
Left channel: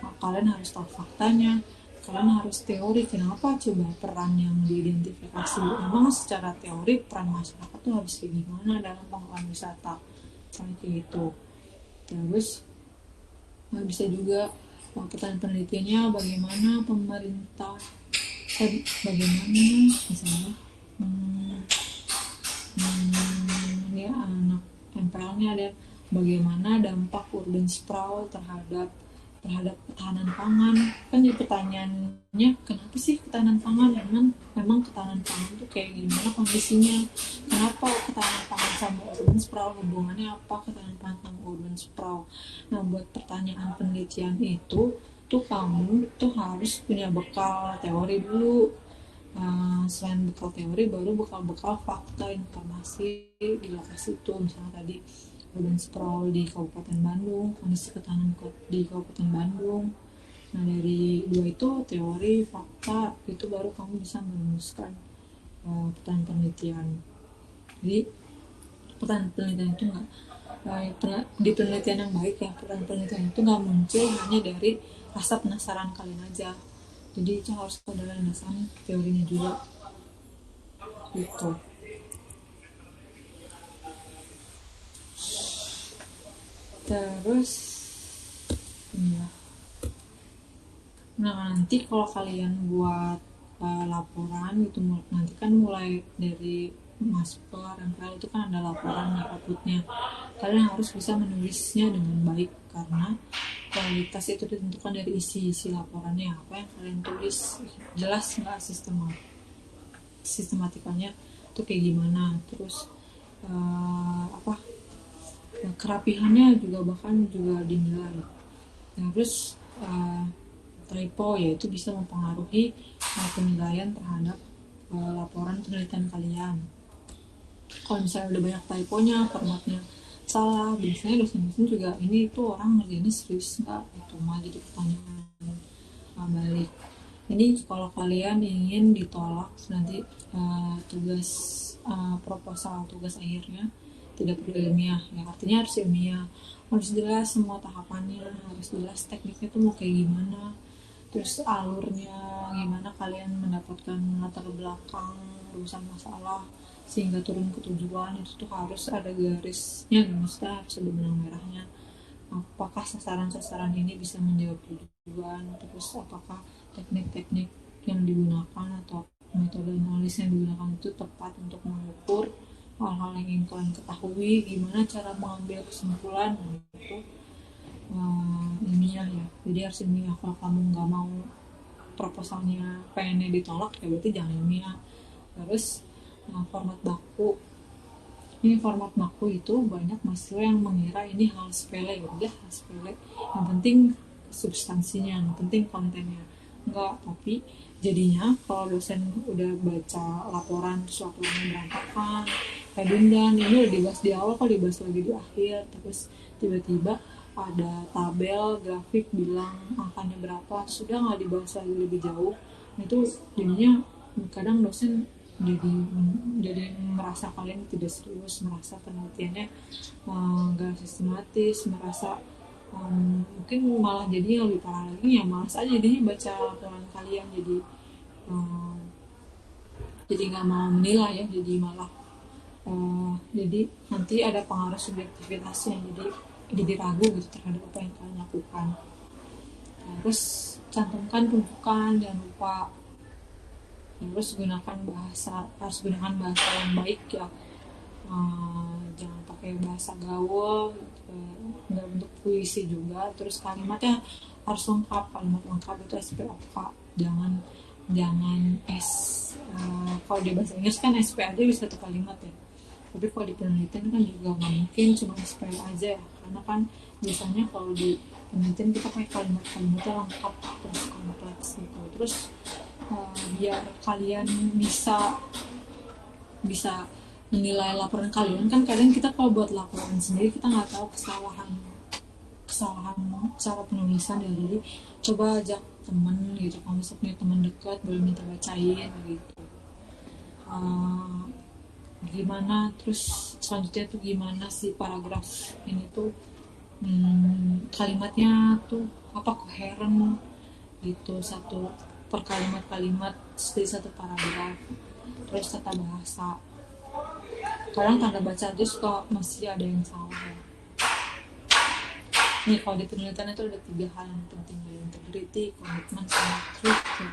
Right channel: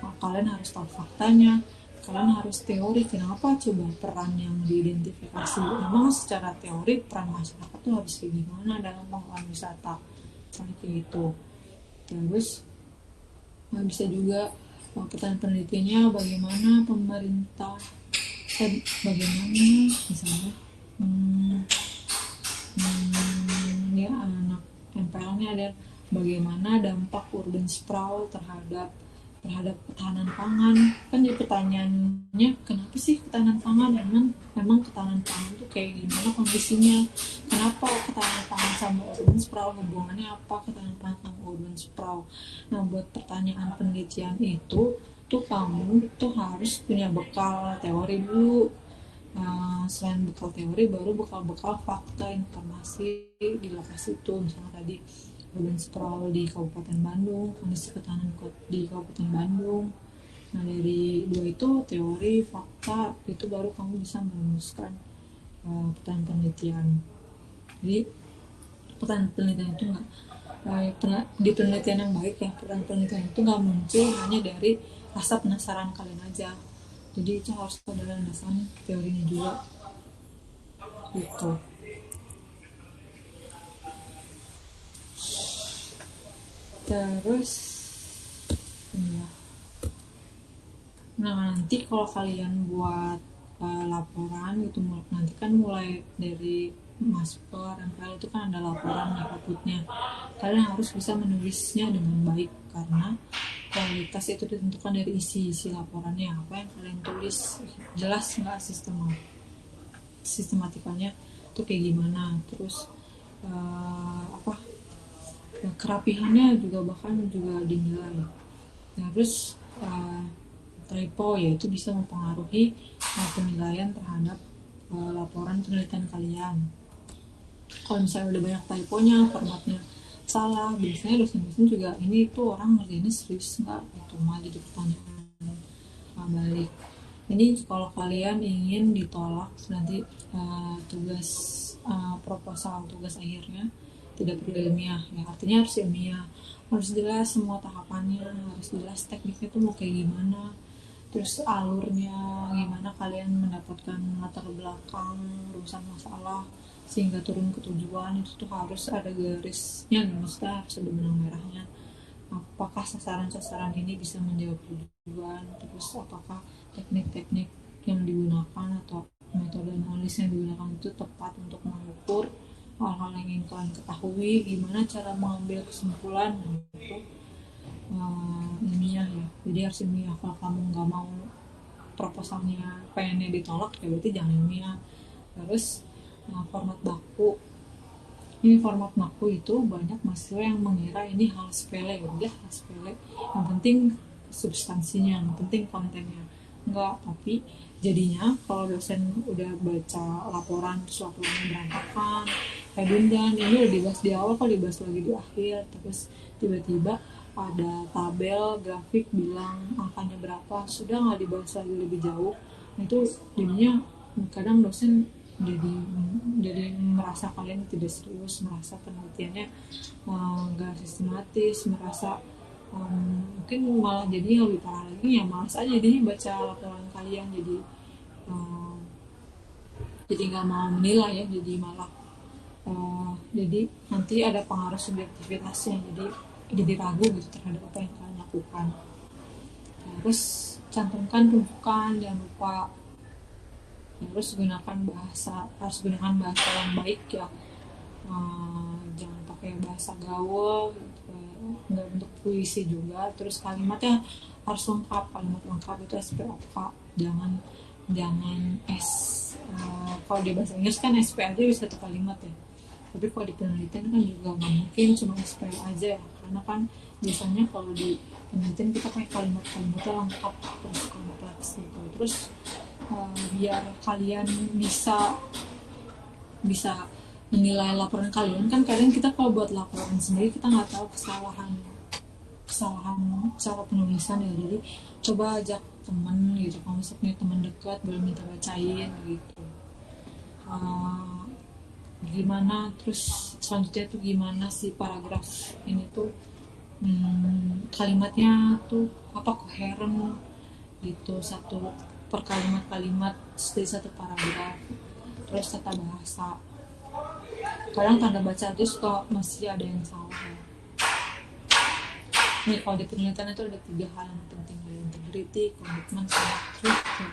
Nah, kalian harus tahu faktanya, kalian harus teori kenapa coba peran yang diidentifikasi. Memang secara teori peran masyarakat tuh harus kayak gimana dalam pengelolaan wisata, kayak gitu. Terus bisa juga pertanyaan penelitiannya bagaimana pemerintah, bagaimana misalnya ya anak MPL-nya ada bagaimana dampak urban sprawl terhadap terhadap ketahanan pangan. Kan jadi pertanyaannya, kenapa sih ketahanan pangan, memang ketahanan pangan tuh kayak gimana kondisinya, kenapa ketahanan pangan sama urban sprawl, hubungannya apa ketahanan pangan sama urban sprawl. Nah, buat pertanyaan penelitian itu tuh kamu tuh harus punya bekal teori dulu. Selain bekal teori, baru bekal-bekal fakta informasi di lokasi itu. Misalnya tadi urban sprawl di Kabupaten Bandung, kondisi ketahanan di Kabupaten Bandung. Nah, dari dua itu, teori fakta, itu baru kamu bisa merumuskan pertanyaan penelitian. Jadi pertanyaan penelitian itu nggak di penelitian yang baik ya, pertanyaan penelitian itu nggak muncul hanya dari rasa penasaran kalian aja. Jadi itu harus ada landasan teorinya juga gitu. Terus ya, nah nanti kalau kalian buat laporan gitu, nanti kan mulai dari Masper MPL itu kan ada laporan ya, outputnya kalian harus bisa menulisnya dengan baik, karena kualitas itu ditentukan dari isi laporannya. Apa yang kalian tulis jelas nggak, sistematikanya itu kayak gimana, terus apa kerapihannya juga bahkan juga dinilai. Nah, terus typo yaitu bisa mempengaruhi penilaian terhadap laporan penelitian kalian. Kalau misalnya udah banyak typonya, formatnya salah, biasanya dosen-dosen juga ini tuh orang ngerjainnya serius nggak, itu mah jadi pertanyaan balik. Ini kalau kalian ingin ditolak nanti tugas proposal, tugas akhirnya tidak perlu ilmiah ya, artinya harus ilmiah, harus jelas semua tahapannya, harus jelas tekniknya tuh mau kayak gimana, terus alurnya gimana, kalian mendapatkan latar belakang urusan masalah sehingga turun ke tujuan, itu tuh harus ada garisnya, maksudnya harus ada benang merahnya. Apakah sasaran-sasaran ini bisa menjawab tujuan, terus apakah teknik-teknik yang digunakan atau metode analis yang digunakan itu tepat untuk mengukur hal-hal yang ingin kalian ketahui, gimana cara mengambil kesimpulan, itu ilmiah ya. Jadi harus ilmiah. Kalau kamu nggak mau proposalnya pengennya ditolak, ya berarti jangan ilmiah. Terus format baku, ini format baku itu banyak mahasiswa yang mengira ini hal sepele, udah hal sepele, yang penting substansinya, yang penting kontennya. Enggak, tapi jadinya kalau dosen udah baca laporan terus laporannya berantakan, redundan, ini udah dibahas di awal kok dibahas lagi di akhir, terus tiba-tiba ada tabel grafik bilang angkanya berapa, sudah nggak dibahas lagi lebih jauh. Nah, itu jadinya kadang dosen jadi merasa kalian tidak serius, merasa penelitiannya nggak sistematis, merasa mungkin malah jadinya lebih parah lagi, ya malas aja jadinya baca laporan kalian, jadi nggak mau menilai ya, jadi malah jadi nanti ada pengaruh subjektivitasnya, jadi ragu gitu terhadap apa yang kalian lakukan. Terus cantumkan rujukan, jangan lupa. Terus harus gunakan bahasa yang baik ya, jangan pakai bahasa gaul gitu, nggak bentuk puisi juga. Terus kalimatnya harus lengkap, kalimat lengkap itu SPOK, jangan jangan kalau di bahasa Inggris kan SP aja bisa satu kalimat ya, tapi kalau di penelitian kan juga nggak mungkin cuma SP aja ya, karena kan biasanya kalau di penelitian kita pakai kalimatnya lengkap terus kompleks gitu. Terus biar kalian bisa menilai laporan kalian, kan kadang kita kalau buat laporan sendiri kita nggak tahu kesalahan cara penulisan ya, jadi coba ajak temen gitu, kalau misalnya punya teman dekat boleh minta bacain gitu, gimana, terus selanjutnya tuh gimana sih paragraf ini tuh kalimatnya tuh apa koheren gitu, satu per kalimat di satu paragraf. Terus tata bahasa, kadang tanda baca aja suka masih ada yang salah ya. Nih kalau di penelitian itu ada 3 hal yang penting, integrity, komitmen, sama truth ya.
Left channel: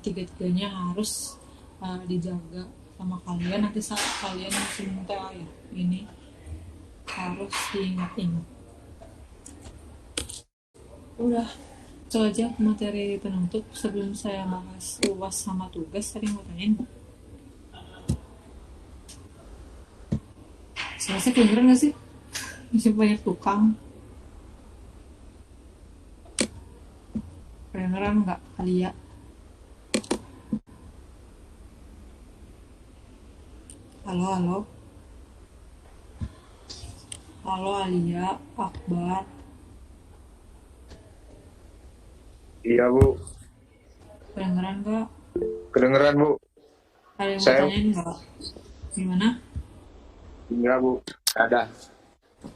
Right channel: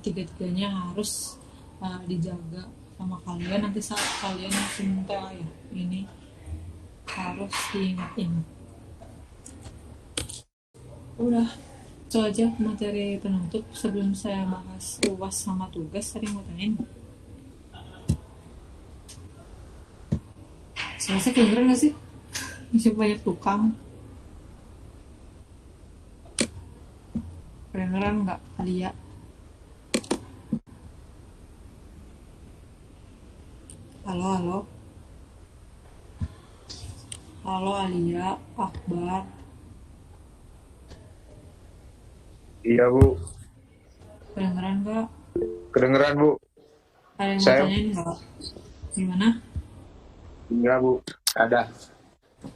Tiga-tiganya harus dijaga sama kalian, nanti saat kalian minta ya, ini harus diingat-ingat. Udah, itu aja materi penutup. Sebelum saya bahas UAS sama tugas, tadi mau tanyain. Selesai kedengeran gak sih? Masih banyak tukang. Kedengeran nggak kali ya? Halo, halo. Halo Alia, Akbar. Iya Bu, Kedengeran nggak? kedengeran Bu. Ada yang mau Saya tanyain nggak? Gimana? enggak Bu, ada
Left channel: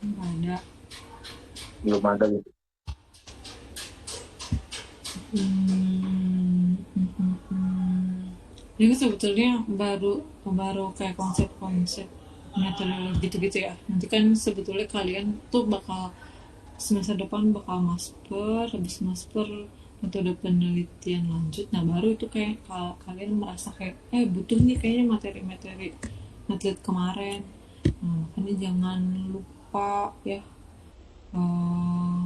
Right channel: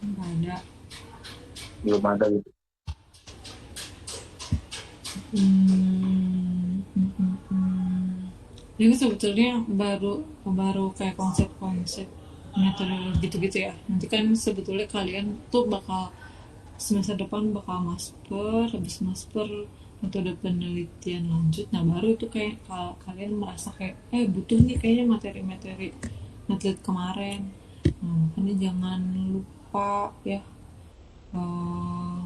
Nggak ada. belum ada gitu. Ini sebetulnya baru baru kayak konsep-konsep metode gitu-gitu ya. Nanti kan sebetulnya kalian tuh bakal semester depan bakal master, habis master metode penelitian lanjut. Nah baru itu kayak kalau kalian merasa kayak butuh nih kayaknya materi-materi atlet kemarin. Nah, makanya jangan lupa ya, eh,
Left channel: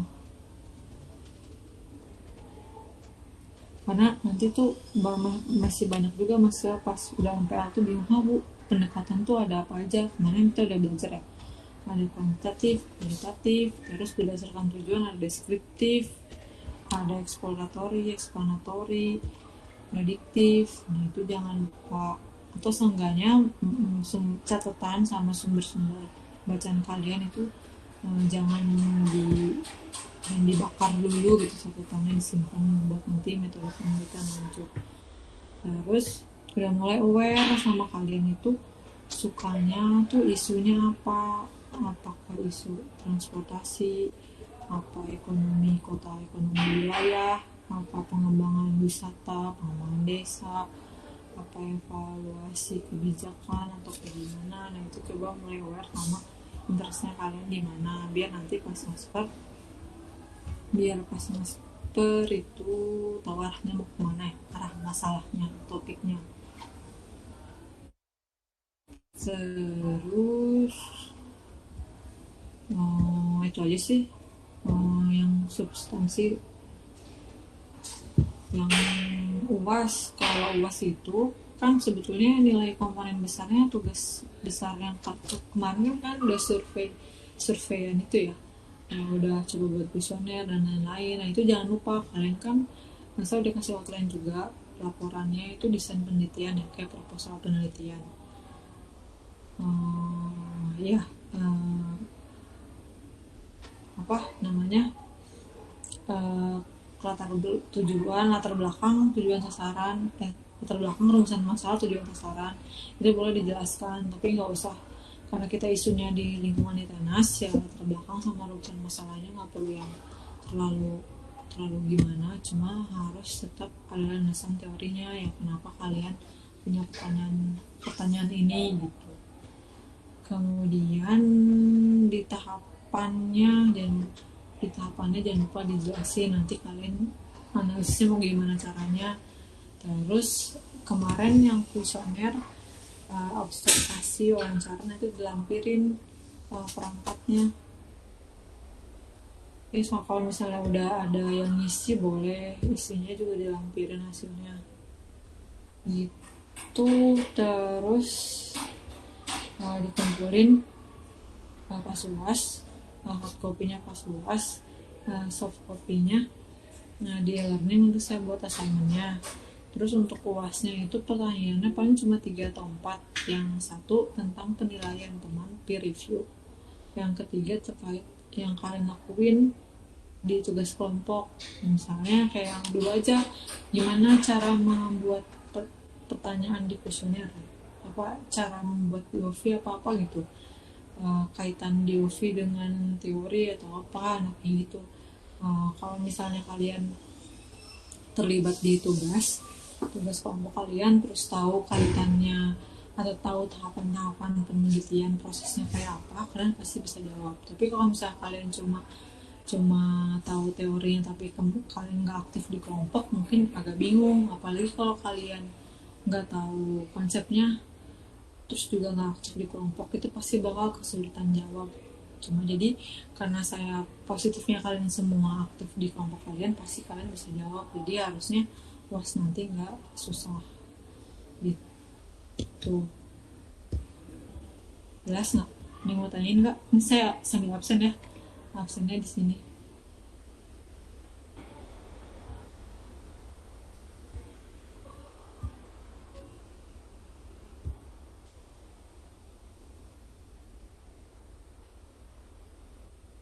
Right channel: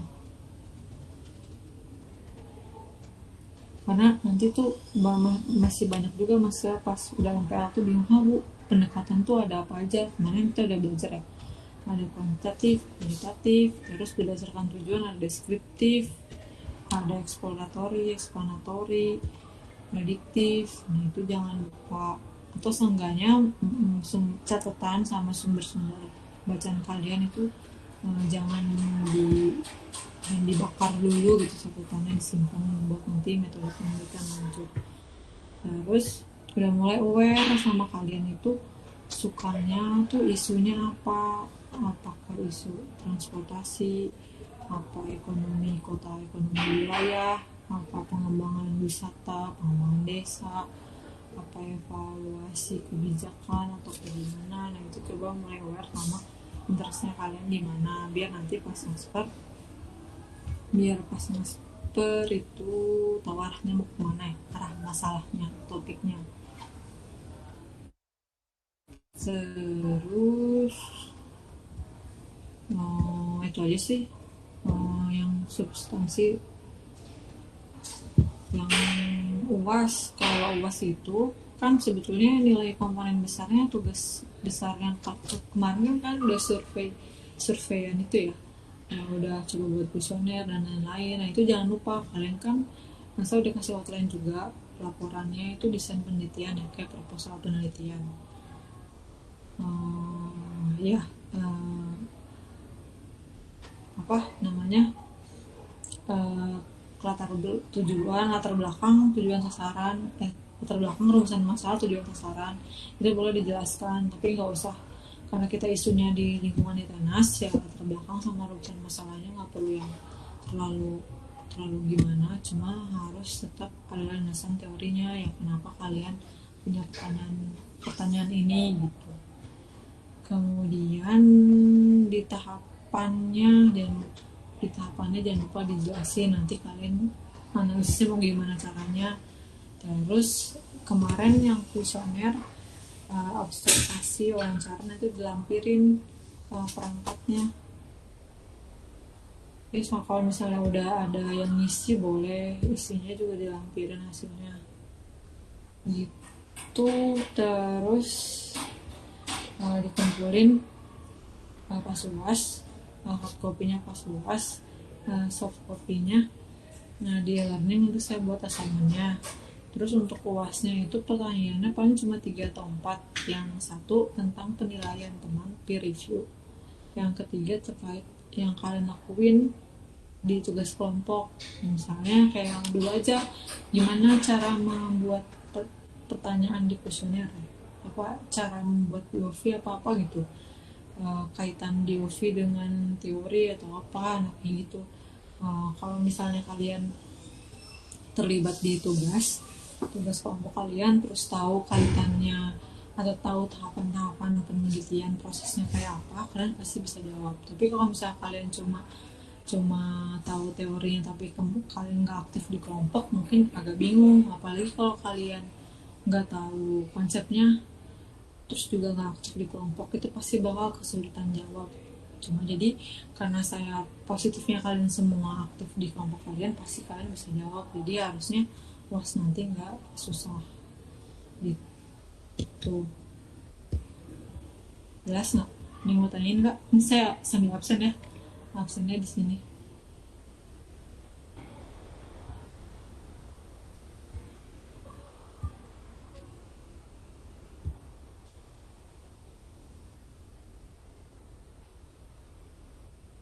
karena nanti tuh masih banyak juga mahasiswa pas udah MPL tuh bingung, bu pendekatan tuh ada apa aja. Kemarin kita udah belajar ya, ada kuantitatif, kualitatif, terus berdasarkan tujuan ada deskriptif, ada eksploratory, eksplanatori, prediktif. Nah itu jangan lupa, atau seenggaknya catatan sama sumber-sumber bacaan kalian itu jangan di yang dibakar dulu gitu, catatannya disimpan buat nanti metode penelitian lanjut. Terus udah mulai aware sama kalian itu sukanya tuh isunya apa, apakah isu transportasi, apa ekonomi kota, ekonomi wilayah, apa pengembangan wisata, pengembangan desa, apa evaluasi kebijakan atau kayak gimana. Nah itu coba mulai aware sama interestnya kalian di mana, biar nanti pas master, itu tahu arahnya mau kemana ya, arah masalahnya, topiknya. Terus itu aja sih, yang substansi. Yang UAS, kalau UAS itu kan sebetulnya nilai komponen besarnya, tugas besar yang kemarin kan udah surveian itu ya, udah coba buat kuesioner dan lain-lain. Nah itu jangan lupa kalian kan masa udah kasih outline juga, laporannya itu desain penelitian ya, kayak proposal penelitian. Ya, apa namanya, eh, latar belakang, tujuan sasaran, latar belakang rumusan masalah, tujuan sasaran itu boleh dijelaskan, tapi nggak usah karena kita isunya di lingkungan di tenas ya, latar belakang sama rumusan masalahnya nggak perlu yang terlalu terlalu gimana, cuma harus tetap ada landasan teorinya ya, kenapa kalian punya pertanyaan pertanyaan ini gitu. Kemudian di tahapannya dan di tahapannya jangan lupa dijelasin nanti kalian analisisnya mau gimana caranya. Terus kemarin yang kuesioner, observasi wawancara itu dilampirin perangkatnya. Jadi kalau misalnya udah ada yang ngisi boleh isinya juga dilampirin hasilnya gitu. Terus dikumpulin pas UAS, hard copy-nya pas UAS, soft copy-nya. Nah di learning itu saya buat assignment-nya. Terus untuk UAS-nya itu pertanyaannya paling cuma 3 atau 4. Yang satu tentang penilaian teman, peer review. Yang ketiga terkait yang kalian lakuin di tugas kelompok. Misalnya kayak yang dulu aja, gimana cara membuat pertanyaan di kuesioner, apa cara membuat POV apa gitu, kaitan DOV dengan teori atau apa, nah kayak gitu. Kalau misalnya kalian terlibat di tugas kelompok kalian, terus tahu kaitannya atau tahu tahapan-tahapan penelitian prosesnya kayak apa, kalian pasti bisa jawab. Tapi kalau misalnya kalian cuma cuma tahu teorinya tapi kalian nggak aktif di kelompok, mungkin agak bingung. Apalagi kalau kalian nggak tahu konsepnya terus juga nggak aktif di kelompok, itu pasti bakal kesulitan jawab. Cuma jadi karena saya positifnya kalian semua aktif di kelompok kalian, pasti kalian bisa jawab. Jadi harusnya was nanti nggak susah gitu. Jelas nggak? Ini mau tanyain nggak? Ini saya sambil absen ya. Absennya di sini.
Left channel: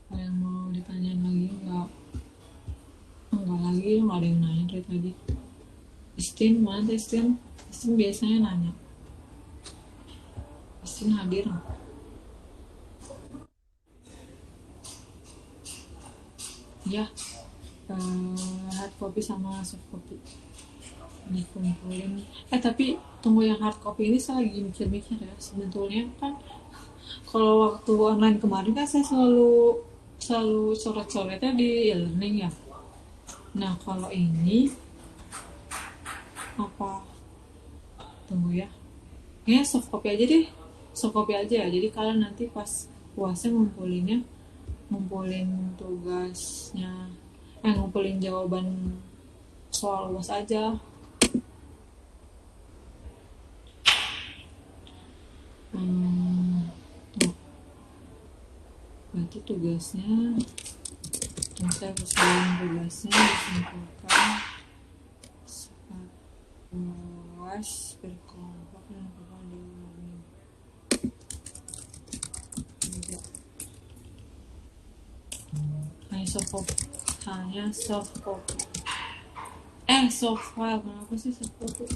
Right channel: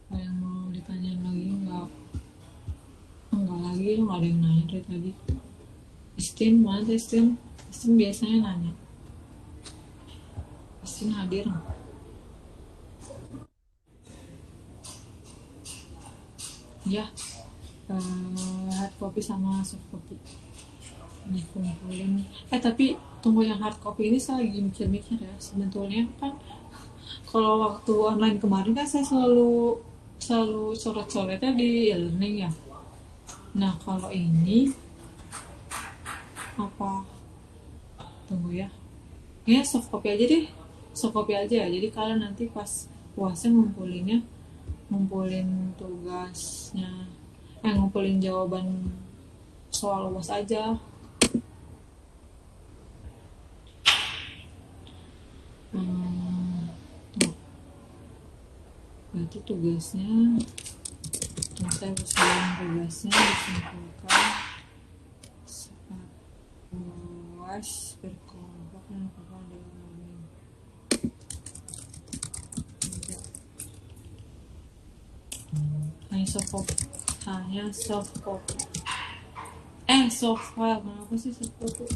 Ada yang mau ditanyain lagi nggak? Enggak lagi, nggak ada yang nanya dari tadi. Istin, mana Istin? Istin biasanya nanya. Istin hadir nggak? Ya, hard copy sama soft copy dikumpulin. Tapi tunggu, yang hard copy ini saya lagi mikir-mikir ya. Sebetulnya kan kalau waktu online kemarin kan saya selalu selalu coret-coretnya di e-learning ya. Nah kalau ini apa? Tunggu ya. Ya soft copy aja deh. Soft copy aja ya. Jadi kalian nanti pas puasnya ngumpulin tugasnya, ngumpulin jawaban soal UAS aja. Hmm, berarti tugasnya kita usahain tugasnya disimpulkan saat UAS berkelompok yang bakal diomongin. Hanya soft copy. Soft file, kenapa sih soft copy?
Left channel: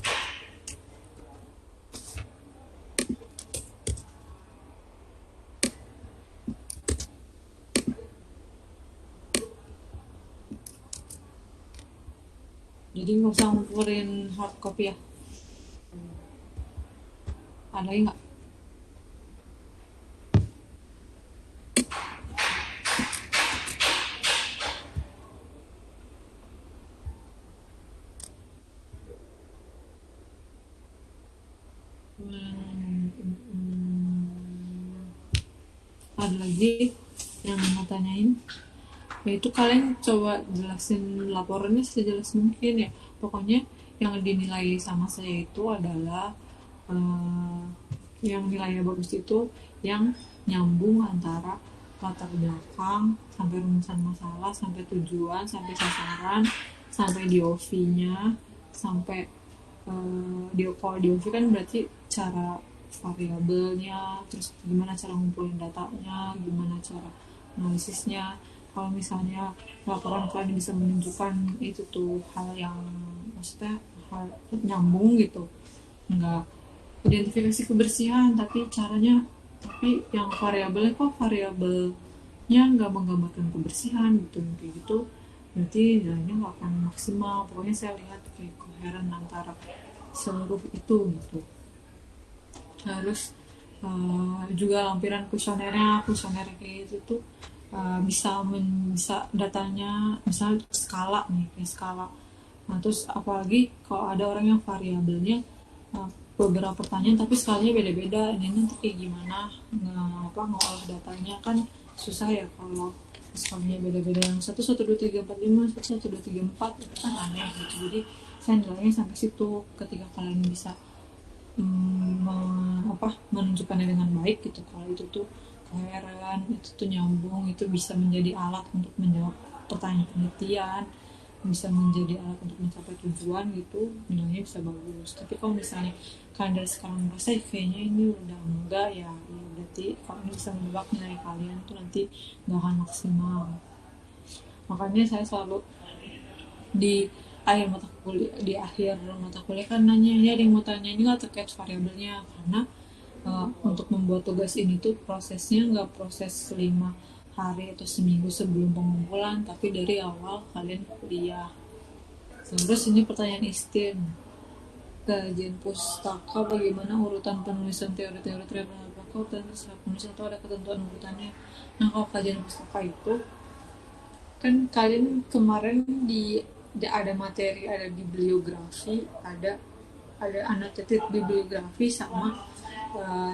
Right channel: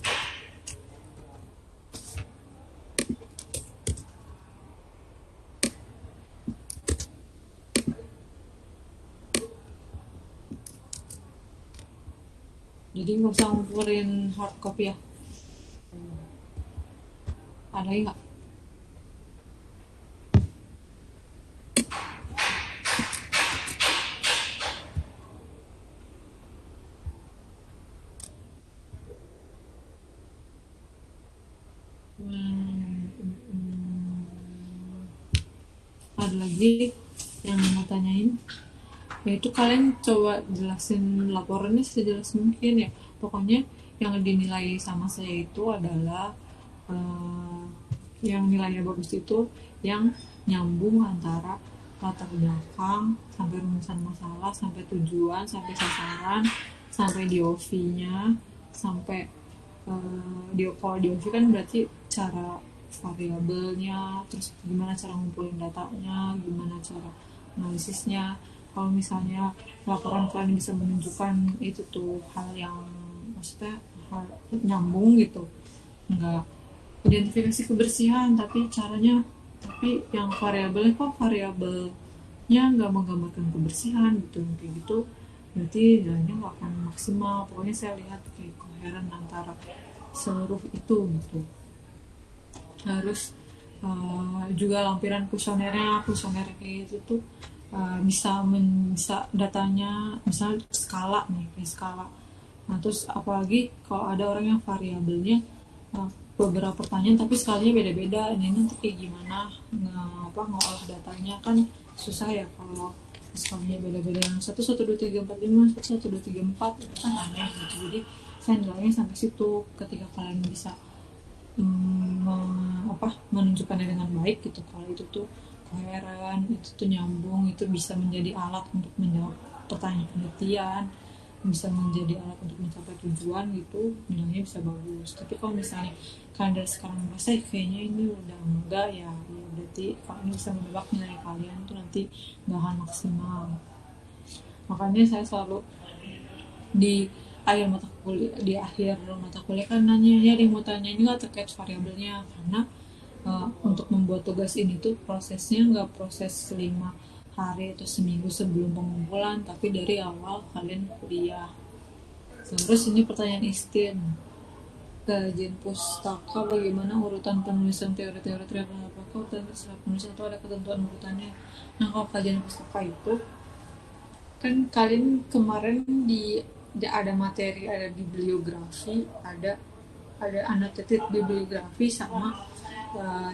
Jadi nggak usah ngumpulin hard copy ya. Ada lagi nggak? Ada lagi yang mau tanyain? Yaitu kalian coba jelasin laporannya sejelas mungkin ya. Pokoknya yang dinilai sama saya itu adalah yang nilainya bagus itu yang nyambung antara latar belakang sampai rumusan masalah, sampai tujuan, sampai sasaran, sampai DOV-nya, sampai kalau DOV kan berarti cara variabelnya, terus gimana cara ngumpulin datanya, gimana cara analisisnya. Kalau misalnya laporan kalian bisa menunjukkan itu tuh hal yang maksudnya hal nyambung gitu, nggak identifikasi kebersihan tapi caranya, tapi yang variabelnya kok variabelnya nggak menggambarkan kebersihan gitu, kayak gitu berarti nilainya nggak akan maksimal. Pokoknya saya lihat kayak koheren antara seluruh itu gitu. Harus juga lampiran kuesioner kayak gitu tuh bisa datanya misalnya skala nih, kayak skala. Nah terus apalagi kalau ada orang yang variabelnya beberapa pertanyaan tapi skalanya beda-beda, ini nanti kayak gimana ngolah datanya, kan susah ya kalau skalanya beda-beda, yang 1, 1, 2, 3, 4, 5, 1, 1, 2, 3, 4 itu kan aneh gitu. Jadi saya nilainya sampai situ. Ketika kalian bisa menunjukkannya dengan baik gitu, kalau itu tuh koheren, itu tuh nyambung, itu bisa menjadi alat untuk menjawab pertanyaan penelitian, bisa menjadi alat untuk mencapai tujuan gitu, nilainya bisa bagus. Tapi kalau misalnya kalian dari sekarang merasa kayaknya ini udah enggak ya, berarti kalau ini bisa menebak nilai kalian tuh nanti nggak akan maksimal. Makanya saya selalu di akhir mata kuliah kan nanya, ya ada yang mau tanya ini nggak terkait variabelnya, karena untuk membuat tugas ini tuh prosesnya nggak proses 5 hari atau seminggu sebelum pengumpulan, tapi dari awal kalian kuliah. Terus ini pertanyaan Istin, kajian pustaka bagaimana urutan penulisan teori-teori apakah dan terserah penulisan itu ada ketentuan urutannya. Nah kalau kajian pustaka itu kan kalian kemarin ada materi, ada bibliografi, ada annotated bibliografi sama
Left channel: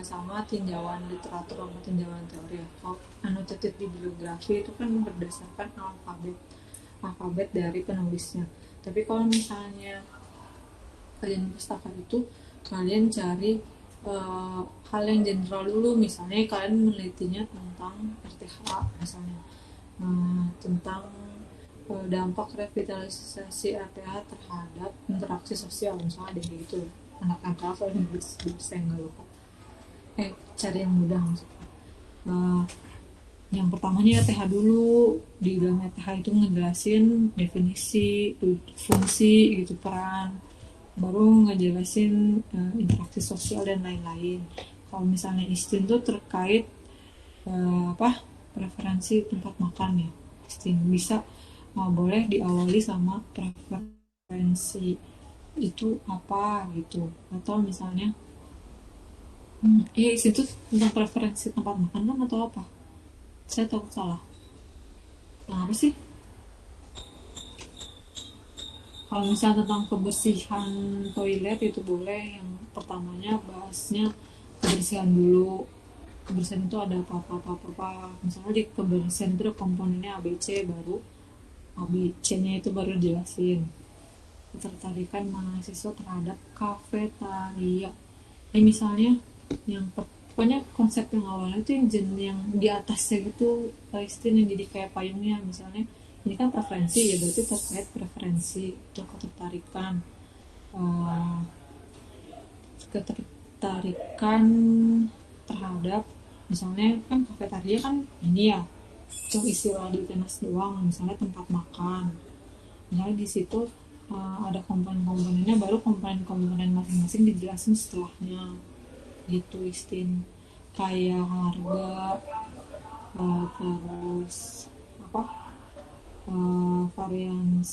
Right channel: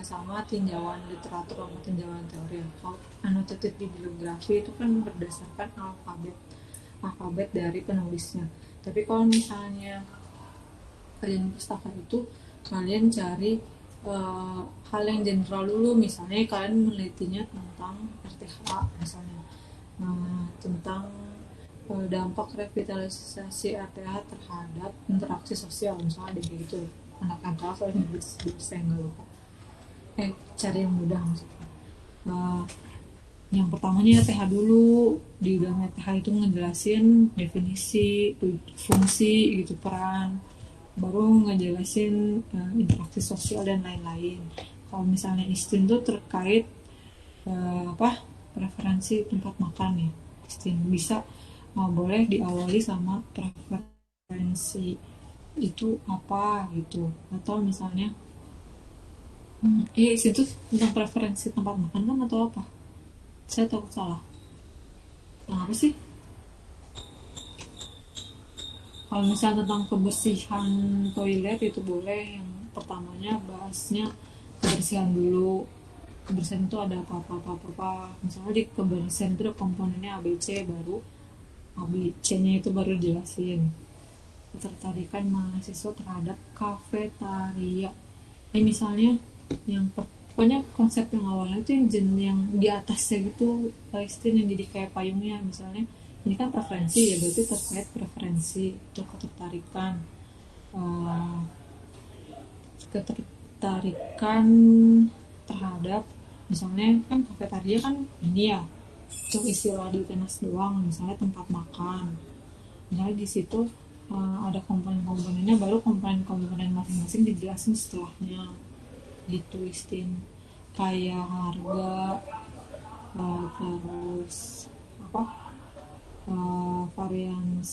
sama tinjauan literatur sama tinjauan teori ya. Kalau annotated bibliografi itu kan berdasarkan alfabet dari penulisnya. Tapi kalau misalnya kalian pustaka itu kalian cari hal yang general dulu, misalnya kalian menelitinya tentang RTH misalnya, tentang dampak revitalisasi RTH terhadap interaksi sosial misalnya deh gitu. Anak-anak kelas soalnya saya nggak lupa. Cari yang mudah maksudnya. Eh, yang pertamanya TH dulu. Di dalam TH itu ngejelasin definisi, fungsi gitu, peran, baru ngejelasin interaksi sosial dan lain-lain. Kalau misalnya istin tuh terkait preferensi tempat makan ya, istin bisa boleh diawali sama preferensi itu apa gitu, atau misalnya istin tuh tentang preferensi tempat makan kan atau apa, saya takut salah. Nah, apa sih? Kalau misalnya tentang kebersihan toilet itu boleh, yang pertamanya bahasnya kebersihan dulu. Kebersihan itu ada apa. Misalnya di kebersihan itu ada komponennya ABC, baru ABC-nya itu baru dijelasin. Ketertarikan mahasiswa terhadap kafetaria. Misalnya yang pokoknya konsep yang awalnya itu yang di atasnya gitu, Palestina yang jadi kayak payungnya. Misalnya ini kan preferensi ya, berarti terkait preferensi untuk uh, ketertarikan terhadap, misalnya kan kafetaria kan ini ya cuma istilah di tenas doang, misalnya tempat makan. Misalnya di situ ada komponen-komponennya, baru komponen-komponen masing-masing dijelasin setelahnya gitu istin, kayak harga, terus apa, varian